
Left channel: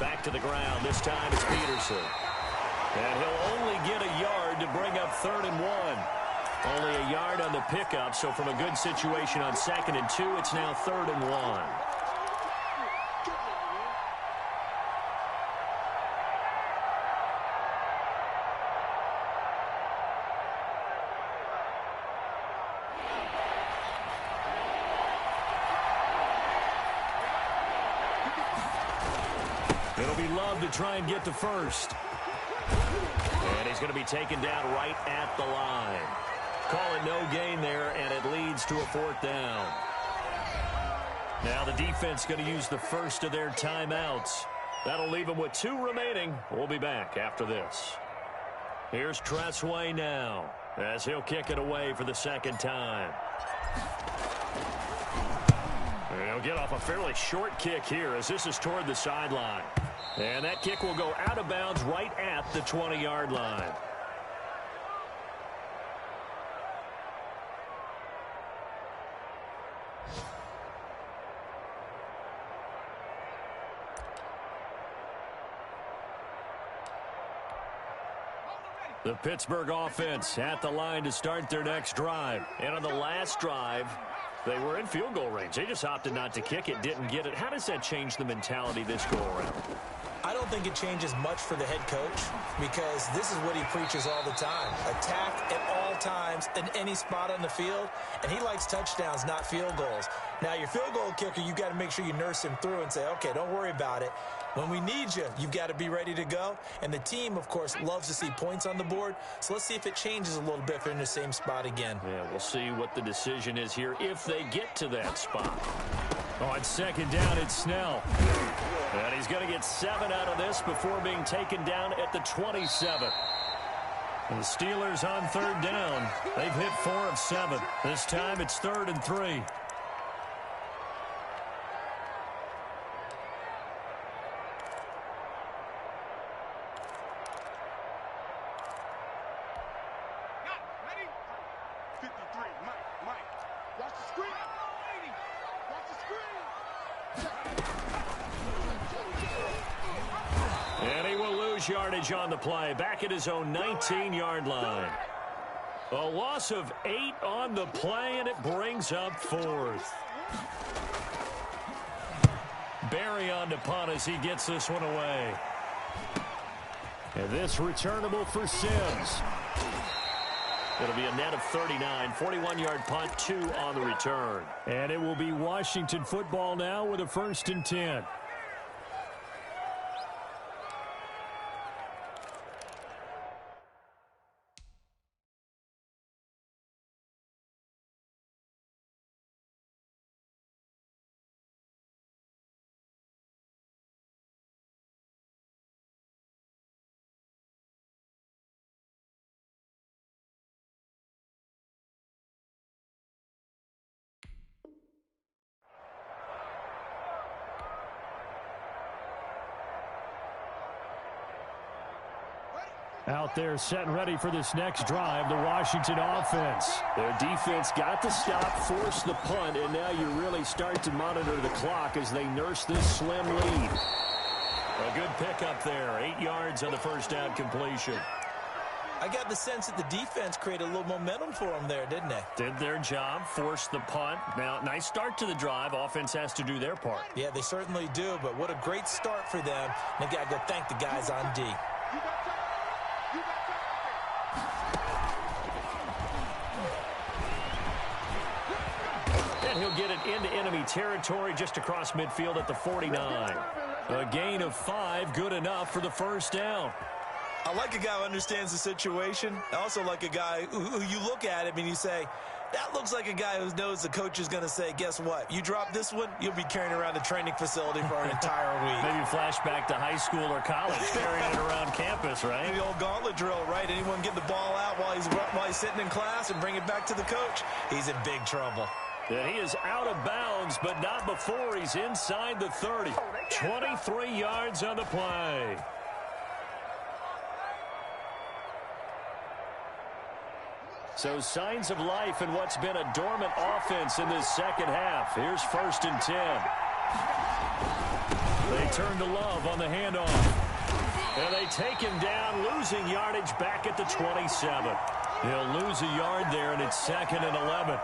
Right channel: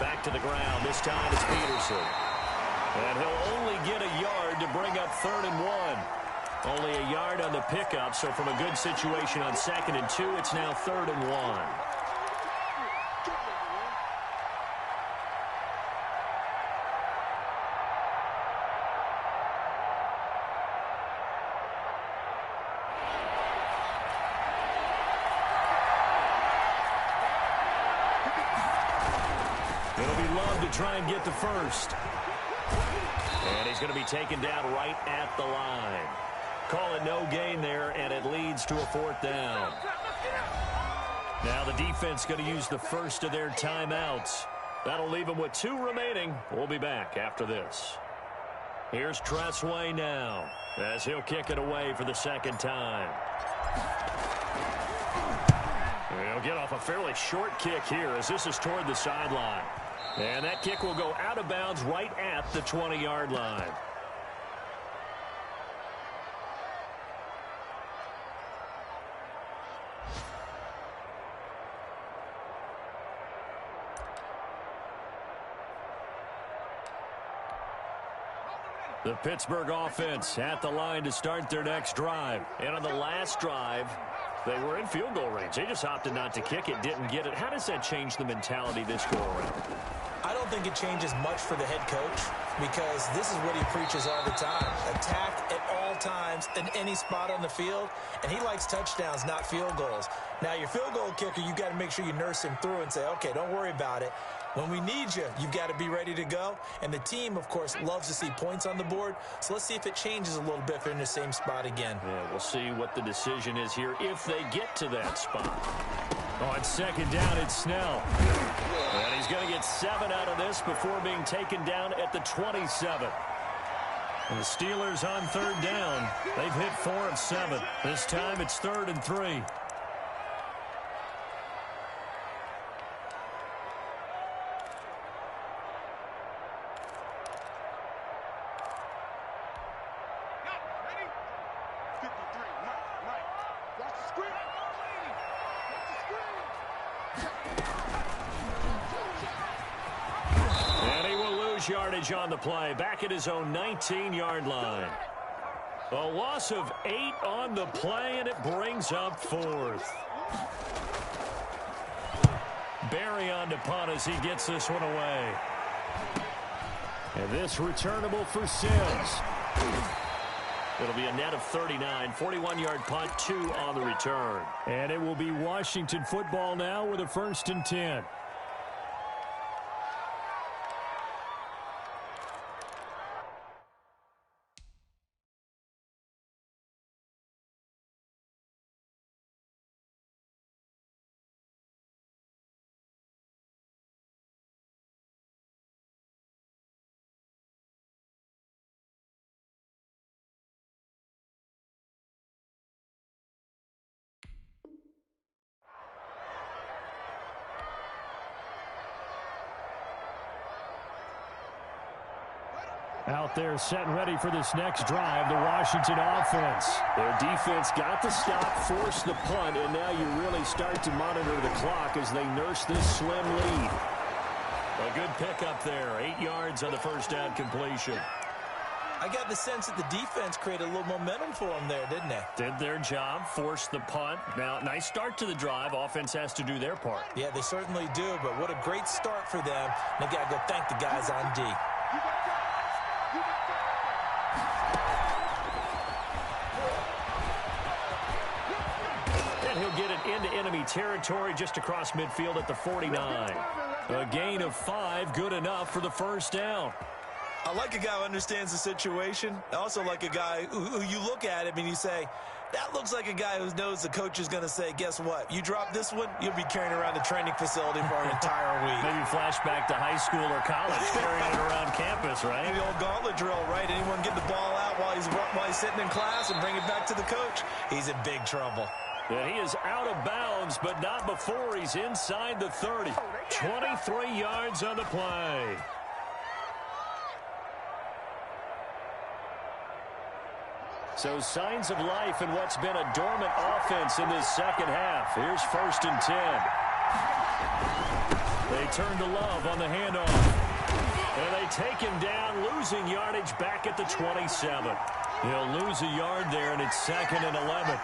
Back to the ground. This time it's Peterson. And he'll only get a yard to bring up 3rd and 1. Only a yard on the pickup, so from a good situation on 2nd and 2, it's now 3rd and 1. It'll be Love to try and get the first. And he's going to be taken down right at the line. Call it no gain there, and it leads to a 4th down. Now the defense going to use the first of their timeouts. That'll leave them with 2 remaining. We'll be back after this. Here's Tressway now, as he'll kick it away for the 2nd time. He'll get off a fairly short kick here as this is toward the sideline. And that kick will go out of bounds right at the 20-yard line. The Pittsburgh offense at the line to start their next drive. And on the last drive, they were in field goal range. They just opted not to kick it, didn't get it. How does that change the mentality this go around? I don't think it changes much for the head coach because this is what he preaches all the time. Attack at all times in any spot on the field, and he likes touchdowns, not field goals. Now, your field goal kicker, you've got to make sure you nurse him through and say, okay, don't worry about it. When we need you, you've got to be ready to go. And the team, of course, loves to see points on the board. So let's see if it changes a little bit if they're in the same spot again. Yeah, we'll see what the decision is here if they get to that spot. On 2nd down, it's Snell. And he's going to get 7 out of this before being taken down at the 27. And the Steelers on 3rd down. They've hit 4 of 7. This time it's 3rd and 3. Ready? 53, Mike. Watch the screen. Watch the screen. And he will lose yardage on the play. Back at his own 19-yard line. A loss of 8 on the play, and it brings up 4th. Barry on to punt as he gets this one away. And this returnable for Sims. It'll be a net of 39, 41-yard punt, 2 on the return. And it will be Washington football now with a 1st and 10. Out there set and ready for this next drive, the Washington offense. Their defense got the stop, forced the punt, and now you really start to monitor the clock as they nurse this slim lead. A good pickup there. 8 yards on the first down completion. I got the sense that the defense created a little momentum for them there, didn't they? Did their job, forced the punt. Now, nice start to the drive. Offense has to do their part. Yeah, they certainly do, but what a great start for them. And they got to go thank the guys on D. And he'll get it into enemy territory just across midfield at the 49. A gain of 5, good enough for the first down. I like a guy who understands the situation. I also like a guy who you look at him and you say, that looks like a guy who knows the coach is going to say, guess what? You drop this one, you'll be carrying around the training facility for an entire week. Maybe flashback to high school or college, carrying it around campus, right? The old gauntlet drill, right? Anyone get the ball out while he's sitting in class and bring it back to the coach? He's in big trouble. And he is out of bounds, but not before he's inside the 30. 23 yards on the play. So signs of life in what's been a dormant offense in this second half. Here's 1st and 10. They turn to Love on the handoff. And they take him down, losing yardage back at the 27. He'll lose a yard there, and it's 2nd and 11.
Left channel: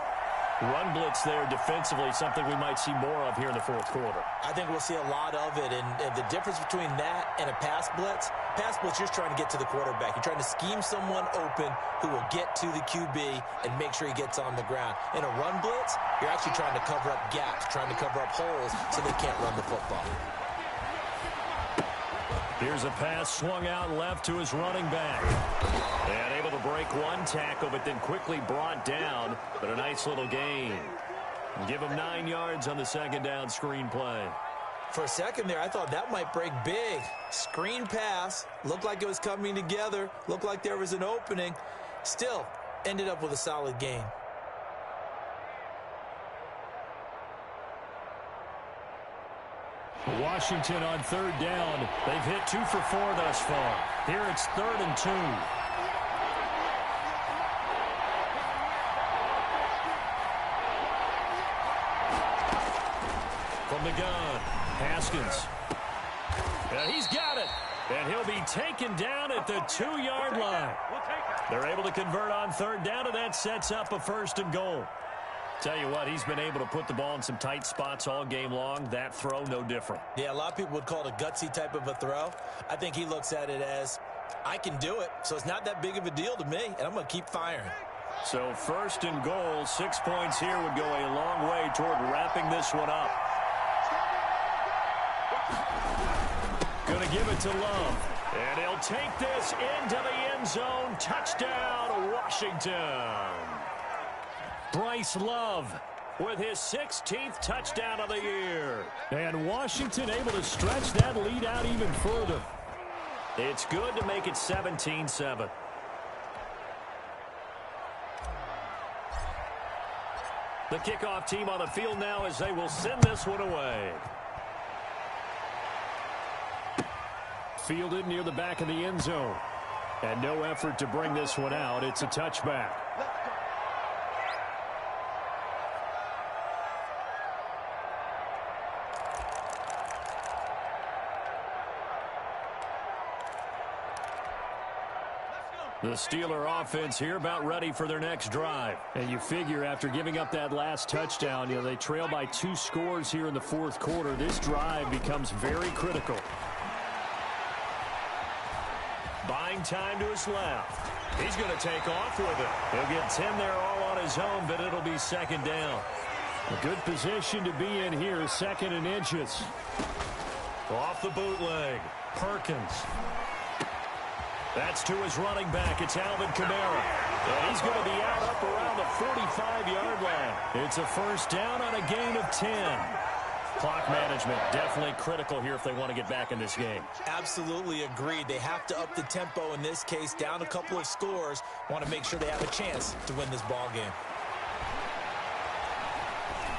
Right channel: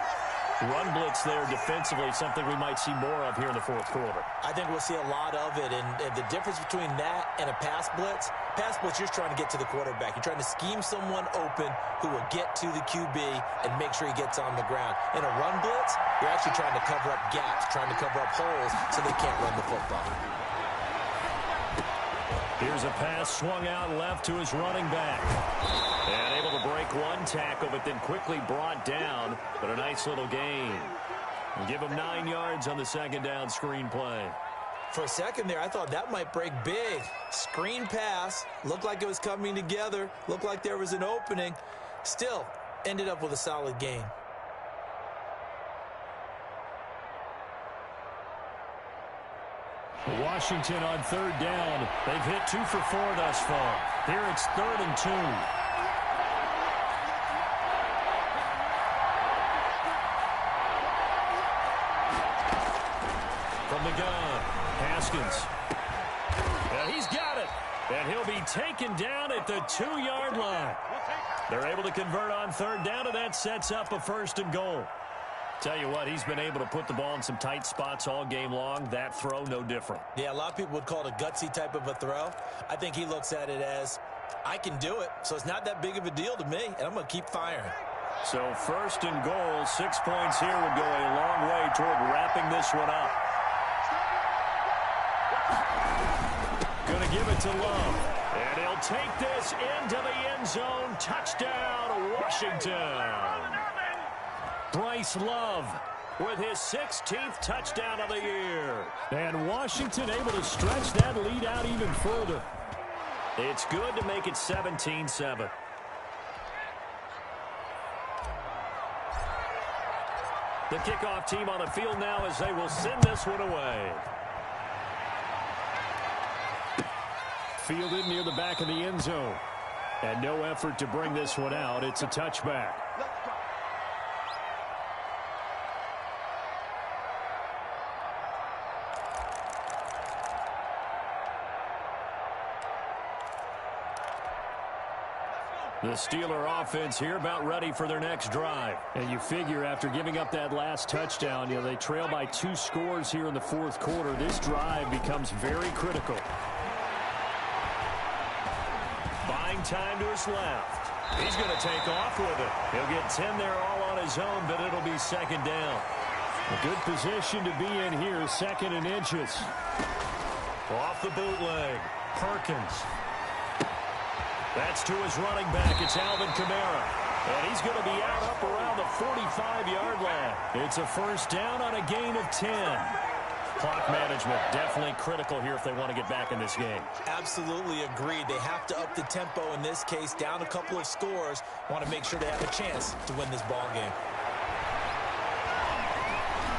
Run blitz there defensively, something we might see more of here in the fourth quarter. I think we'll see a lot of it, and the difference between that and a pass blitz, you're just trying to get to the quarterback. You're trying to scheme someone open who will get to the QB and make sure he gets on the ground. In a run blitz, you're actually trying to cover up gaps, trying to cover up holes so they can't run the football. Here's a pass swung out left to his running back. And able to break one tackle, but then quickly brought down. But a nice little gain. Give him 9 yards on the second down screen play. For a second there, I thought that might break big. Screen pass. Looked like it was coming together. Looked like there was an opening. Still, ended up with a solid gain. Washington on 3rd down. They've hit 2 for 4 thus far. Here it's 3rd and 2. From the gun, Haskins. And he's got it. And he'll be taken down at the 2-yard line. They're able to convert on 3rd down, and that sets up a 1st and goal. Tell you what, he's been able to put the ball in some tight spots all game long. That throw, no different. Yeah, a lot of people would call it a gutsy type of a throw. I think he looks at it as, I can do it, so it's not that big of a deal to me, and I'm going to keep firing. So 1st and goal, 6 points here would go a long way toward wrapping this one up. Going to give it to Love. And he'll take this into the end zone. Touchdown, Washington. Bryce Love with his 16th touchdown of the year. And Washington able to stretch that lead out even further. It's good to make it 17-7. The kickoff team on the field now as they will send this one away. Fielded near the back of the end zone. And no effort to bring this one out. It's a touchback. The Steeler offense here about ready for their next drive. And you figure after giving up that last touchdown, they trail by 2 scores here in the fourth quarter. This drive becomes very critical. Buying time to his left. He's going to take off with it. He'll get 10 there all on his own, but it'll be 2nd down. A good position to be in here, 2nd and inches. Off the bootleg. Perkins. That's to his running back. It's Alvin Kamara. And he's going to be out up around the 45-yard line. It's a 1st down on a gain of 10. Clock management definitely critical here if they want to get back in this game. Absolutely agreed. They have to up the tempo in this case, down a couple of scores. Want to make sure they have a chance to win this ball game.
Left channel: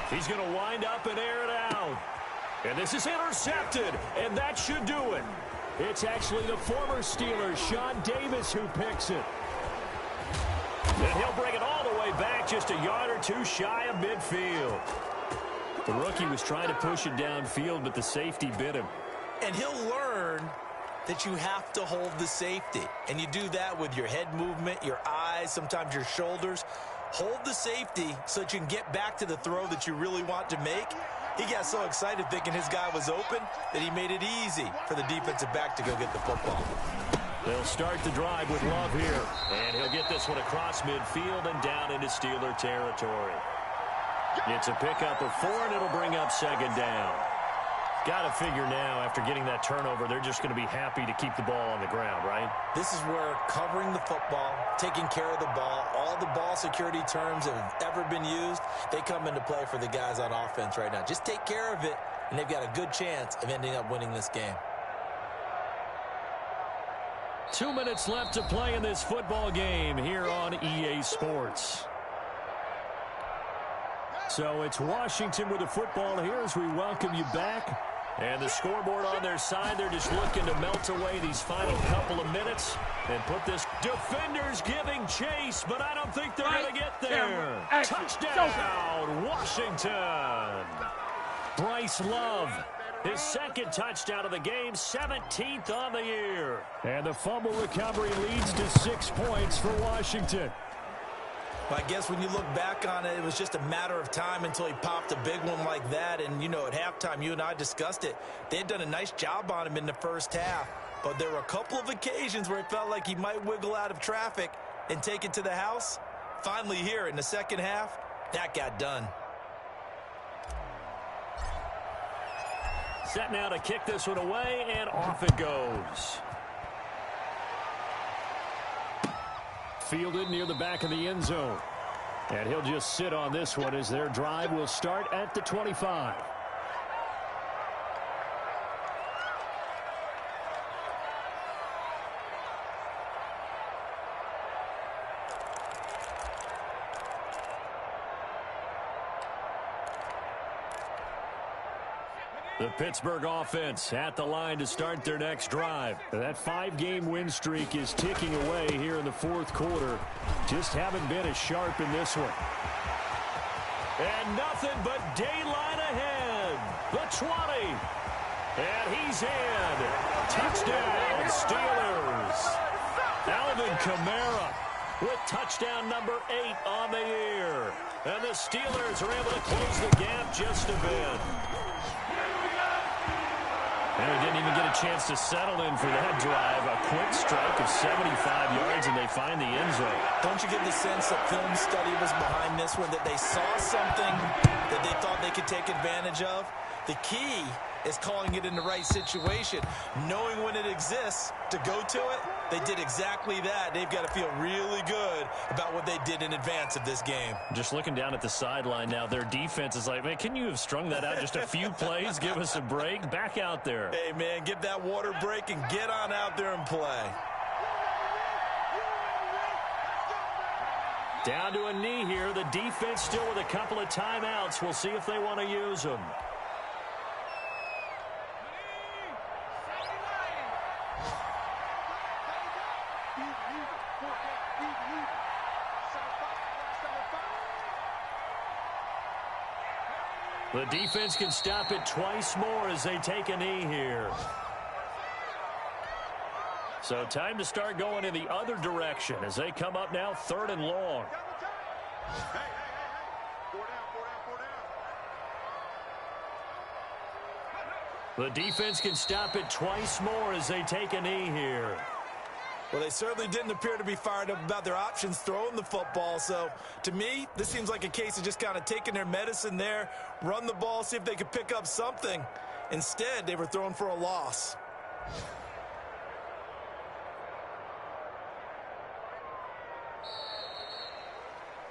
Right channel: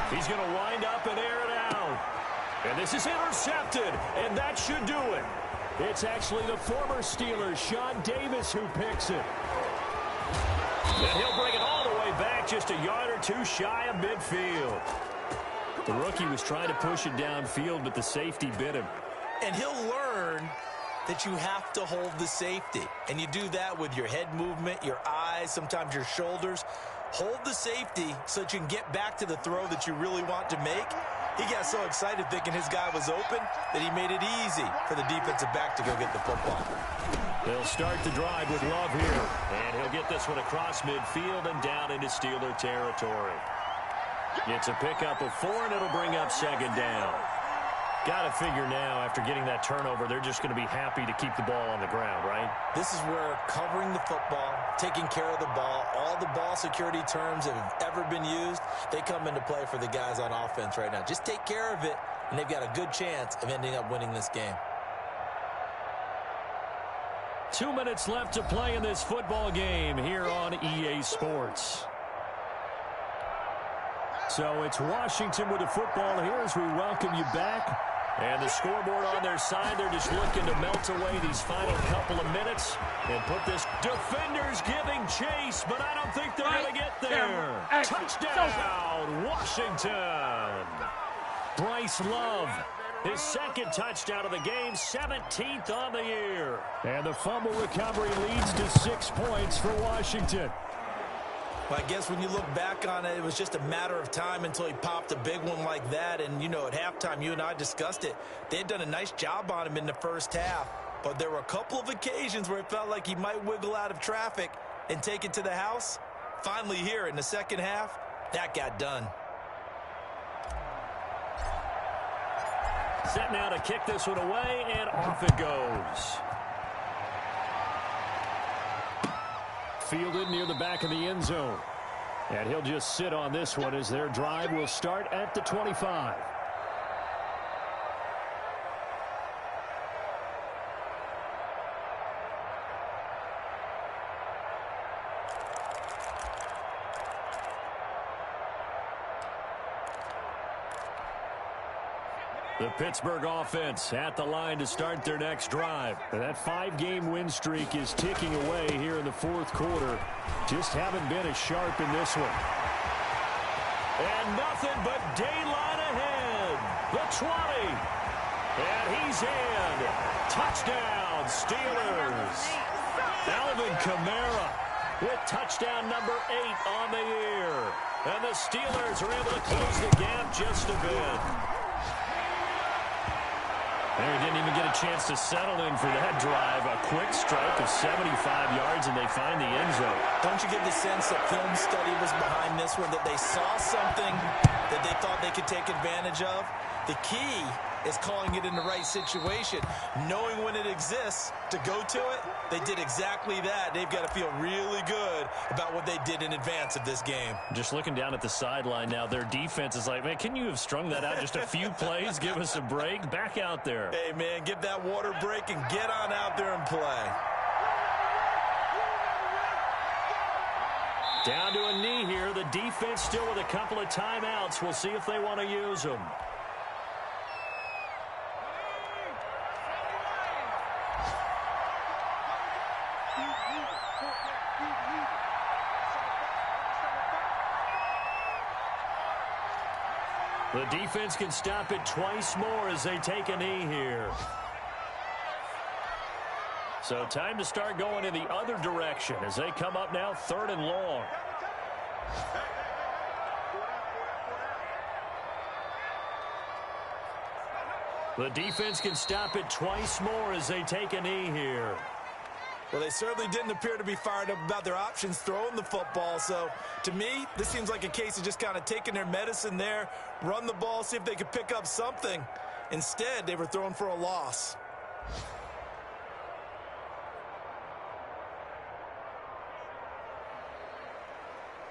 He's going to wind up and air it out. And this is intercepted, and that should do it. It's actually the former Steeler, Sean Davis, who picks it. And he'll bring it all the way back, just a yard or two shy of midfield. The rookie was trying to push it downfield, but the safety bit him. And he'll learn that you have to hold the safety. And you do that with your head movement, your eyes, sometimes your shoulders. Hold the safety so that you can get back to the throw that you really want to make. He got so excited thinking his guy was open that he made it easy for the defensive back to go get the football. They'll start the drive with Love here. And he'll get this one across midfield and down into Steeler territory. It's a pickup of 4, and it'll bring up second down. Got to figure now, after getting that turnover, they're just going to be happy to keep the ball on the ground, right? This is where covering the football, taking care of the ball, all the ball security terms that have ever been used, they come into play for the guys on offense right now. Just take care of it, and they've got a good chance of ending up winning this game. 2 minutes left to play in this football game here on EA Sports. So it's Washington with the football here as we welcome you back. And the scoreboard on their side, they're just looking to melt away these final couple of minutes and put this. Defenders giving chase, but I don't think they're going to get there. Touchdown, Washington. Bryce Love, his second touchdown of the game, 17th on the year. And the fumble recovery leads to 6 points for Washington. Well, I guess when you look back on it, it was just a matter of time until he popped a big one like that. And, you know, at halftime, you and I discussed it. They had done a nice job on him in the first half. But there were a couple of occasions where it felt like he might wiggle out of traffic and take it to the house. Finally here in the second half, that got done. Set now to kick this one away, and off it goes. Fielded near the back of the end zone. And he'll just sit on this one as their drive will start at the 25. The Pittsburgh offense at the line to start their next drive. That 5-game win streak is ticking away here in the fourth quarter. Just haven't been as sharp in this one. And nothing but daylight ahead. The 20. And he's in. Touchdown, Steelers. Alvin Kamara with touchdown number 8 on the year. And the Steelers are able to close the gap just a bit. And they didn't even get a chance to settle in for that drive. A quick strike of 75 yards, and they find the end zone. Don't you get the sense that film study was behind this one, that they saw something that they thought they could take advantage of? The key is calling it in the right situation, knowing when it exists to go to it. They did exactly that. They've got to feel really good about what they did in advance of this game. Just looking down at the sideline now, their defense is like, man, can you have strung that out just a few plays? Give us a break. Back out there. Hey, man, get that water break and get on out there and play. Down to a knee here. The defense still with a couple of timeouts. We'll see if they want to use them. The defense can stop it twice more as they take a knee here. So time to start going in the other direction as they come up now 3rd and long. Hey. 4 down. The defense can stop it twice more as they take a knee here. Well, they certainly didn't appear to be fired up about their options throwing the football. So, to me, this seems like a case of just kind of taking their medicine there, run the ball, see if they could pick up something. Instead, they were throwing for a loss.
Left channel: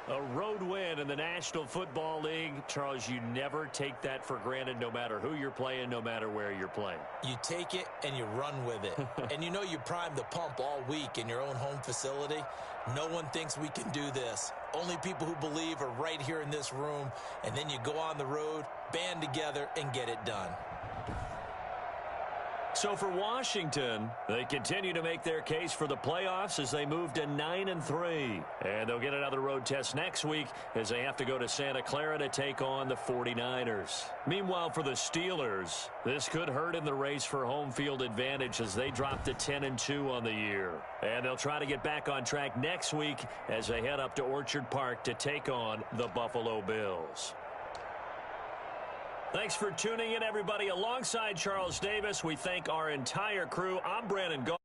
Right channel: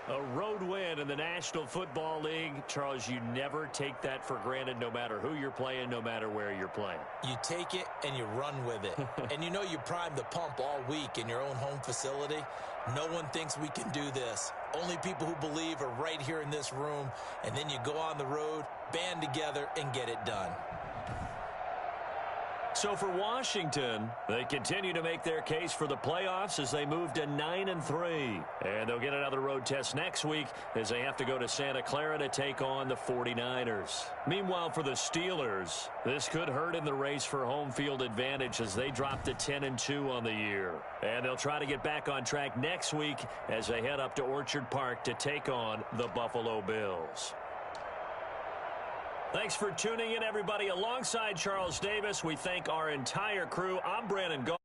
A road win in the National Football League. Charles, you never take that for granted no matter who you're playing, no matter where you're playing. You take it and you run with it. And you know you primed the pump all week in your own home facility. No one thinks we can do this. Only people who believe are right here in this room. And then you go on the road, band together, and get it done. So for Washington, they continue to make their case for the playoffs as they move to 9-3. And they'll get another road test next week as they have to go to Santa Clara to take on the 49ers. Meanwhile, for the Steelers, this could hurt in the race for home field advantage as they drop to 10-2 on the year. And they'll try to get back on track next week as they head up to Orchard Park to take on the Buffalo Bills. Thanks for tuning in, everybody. Alongside Charles Davis, we thank our entire crew. I'm Brandon Gault.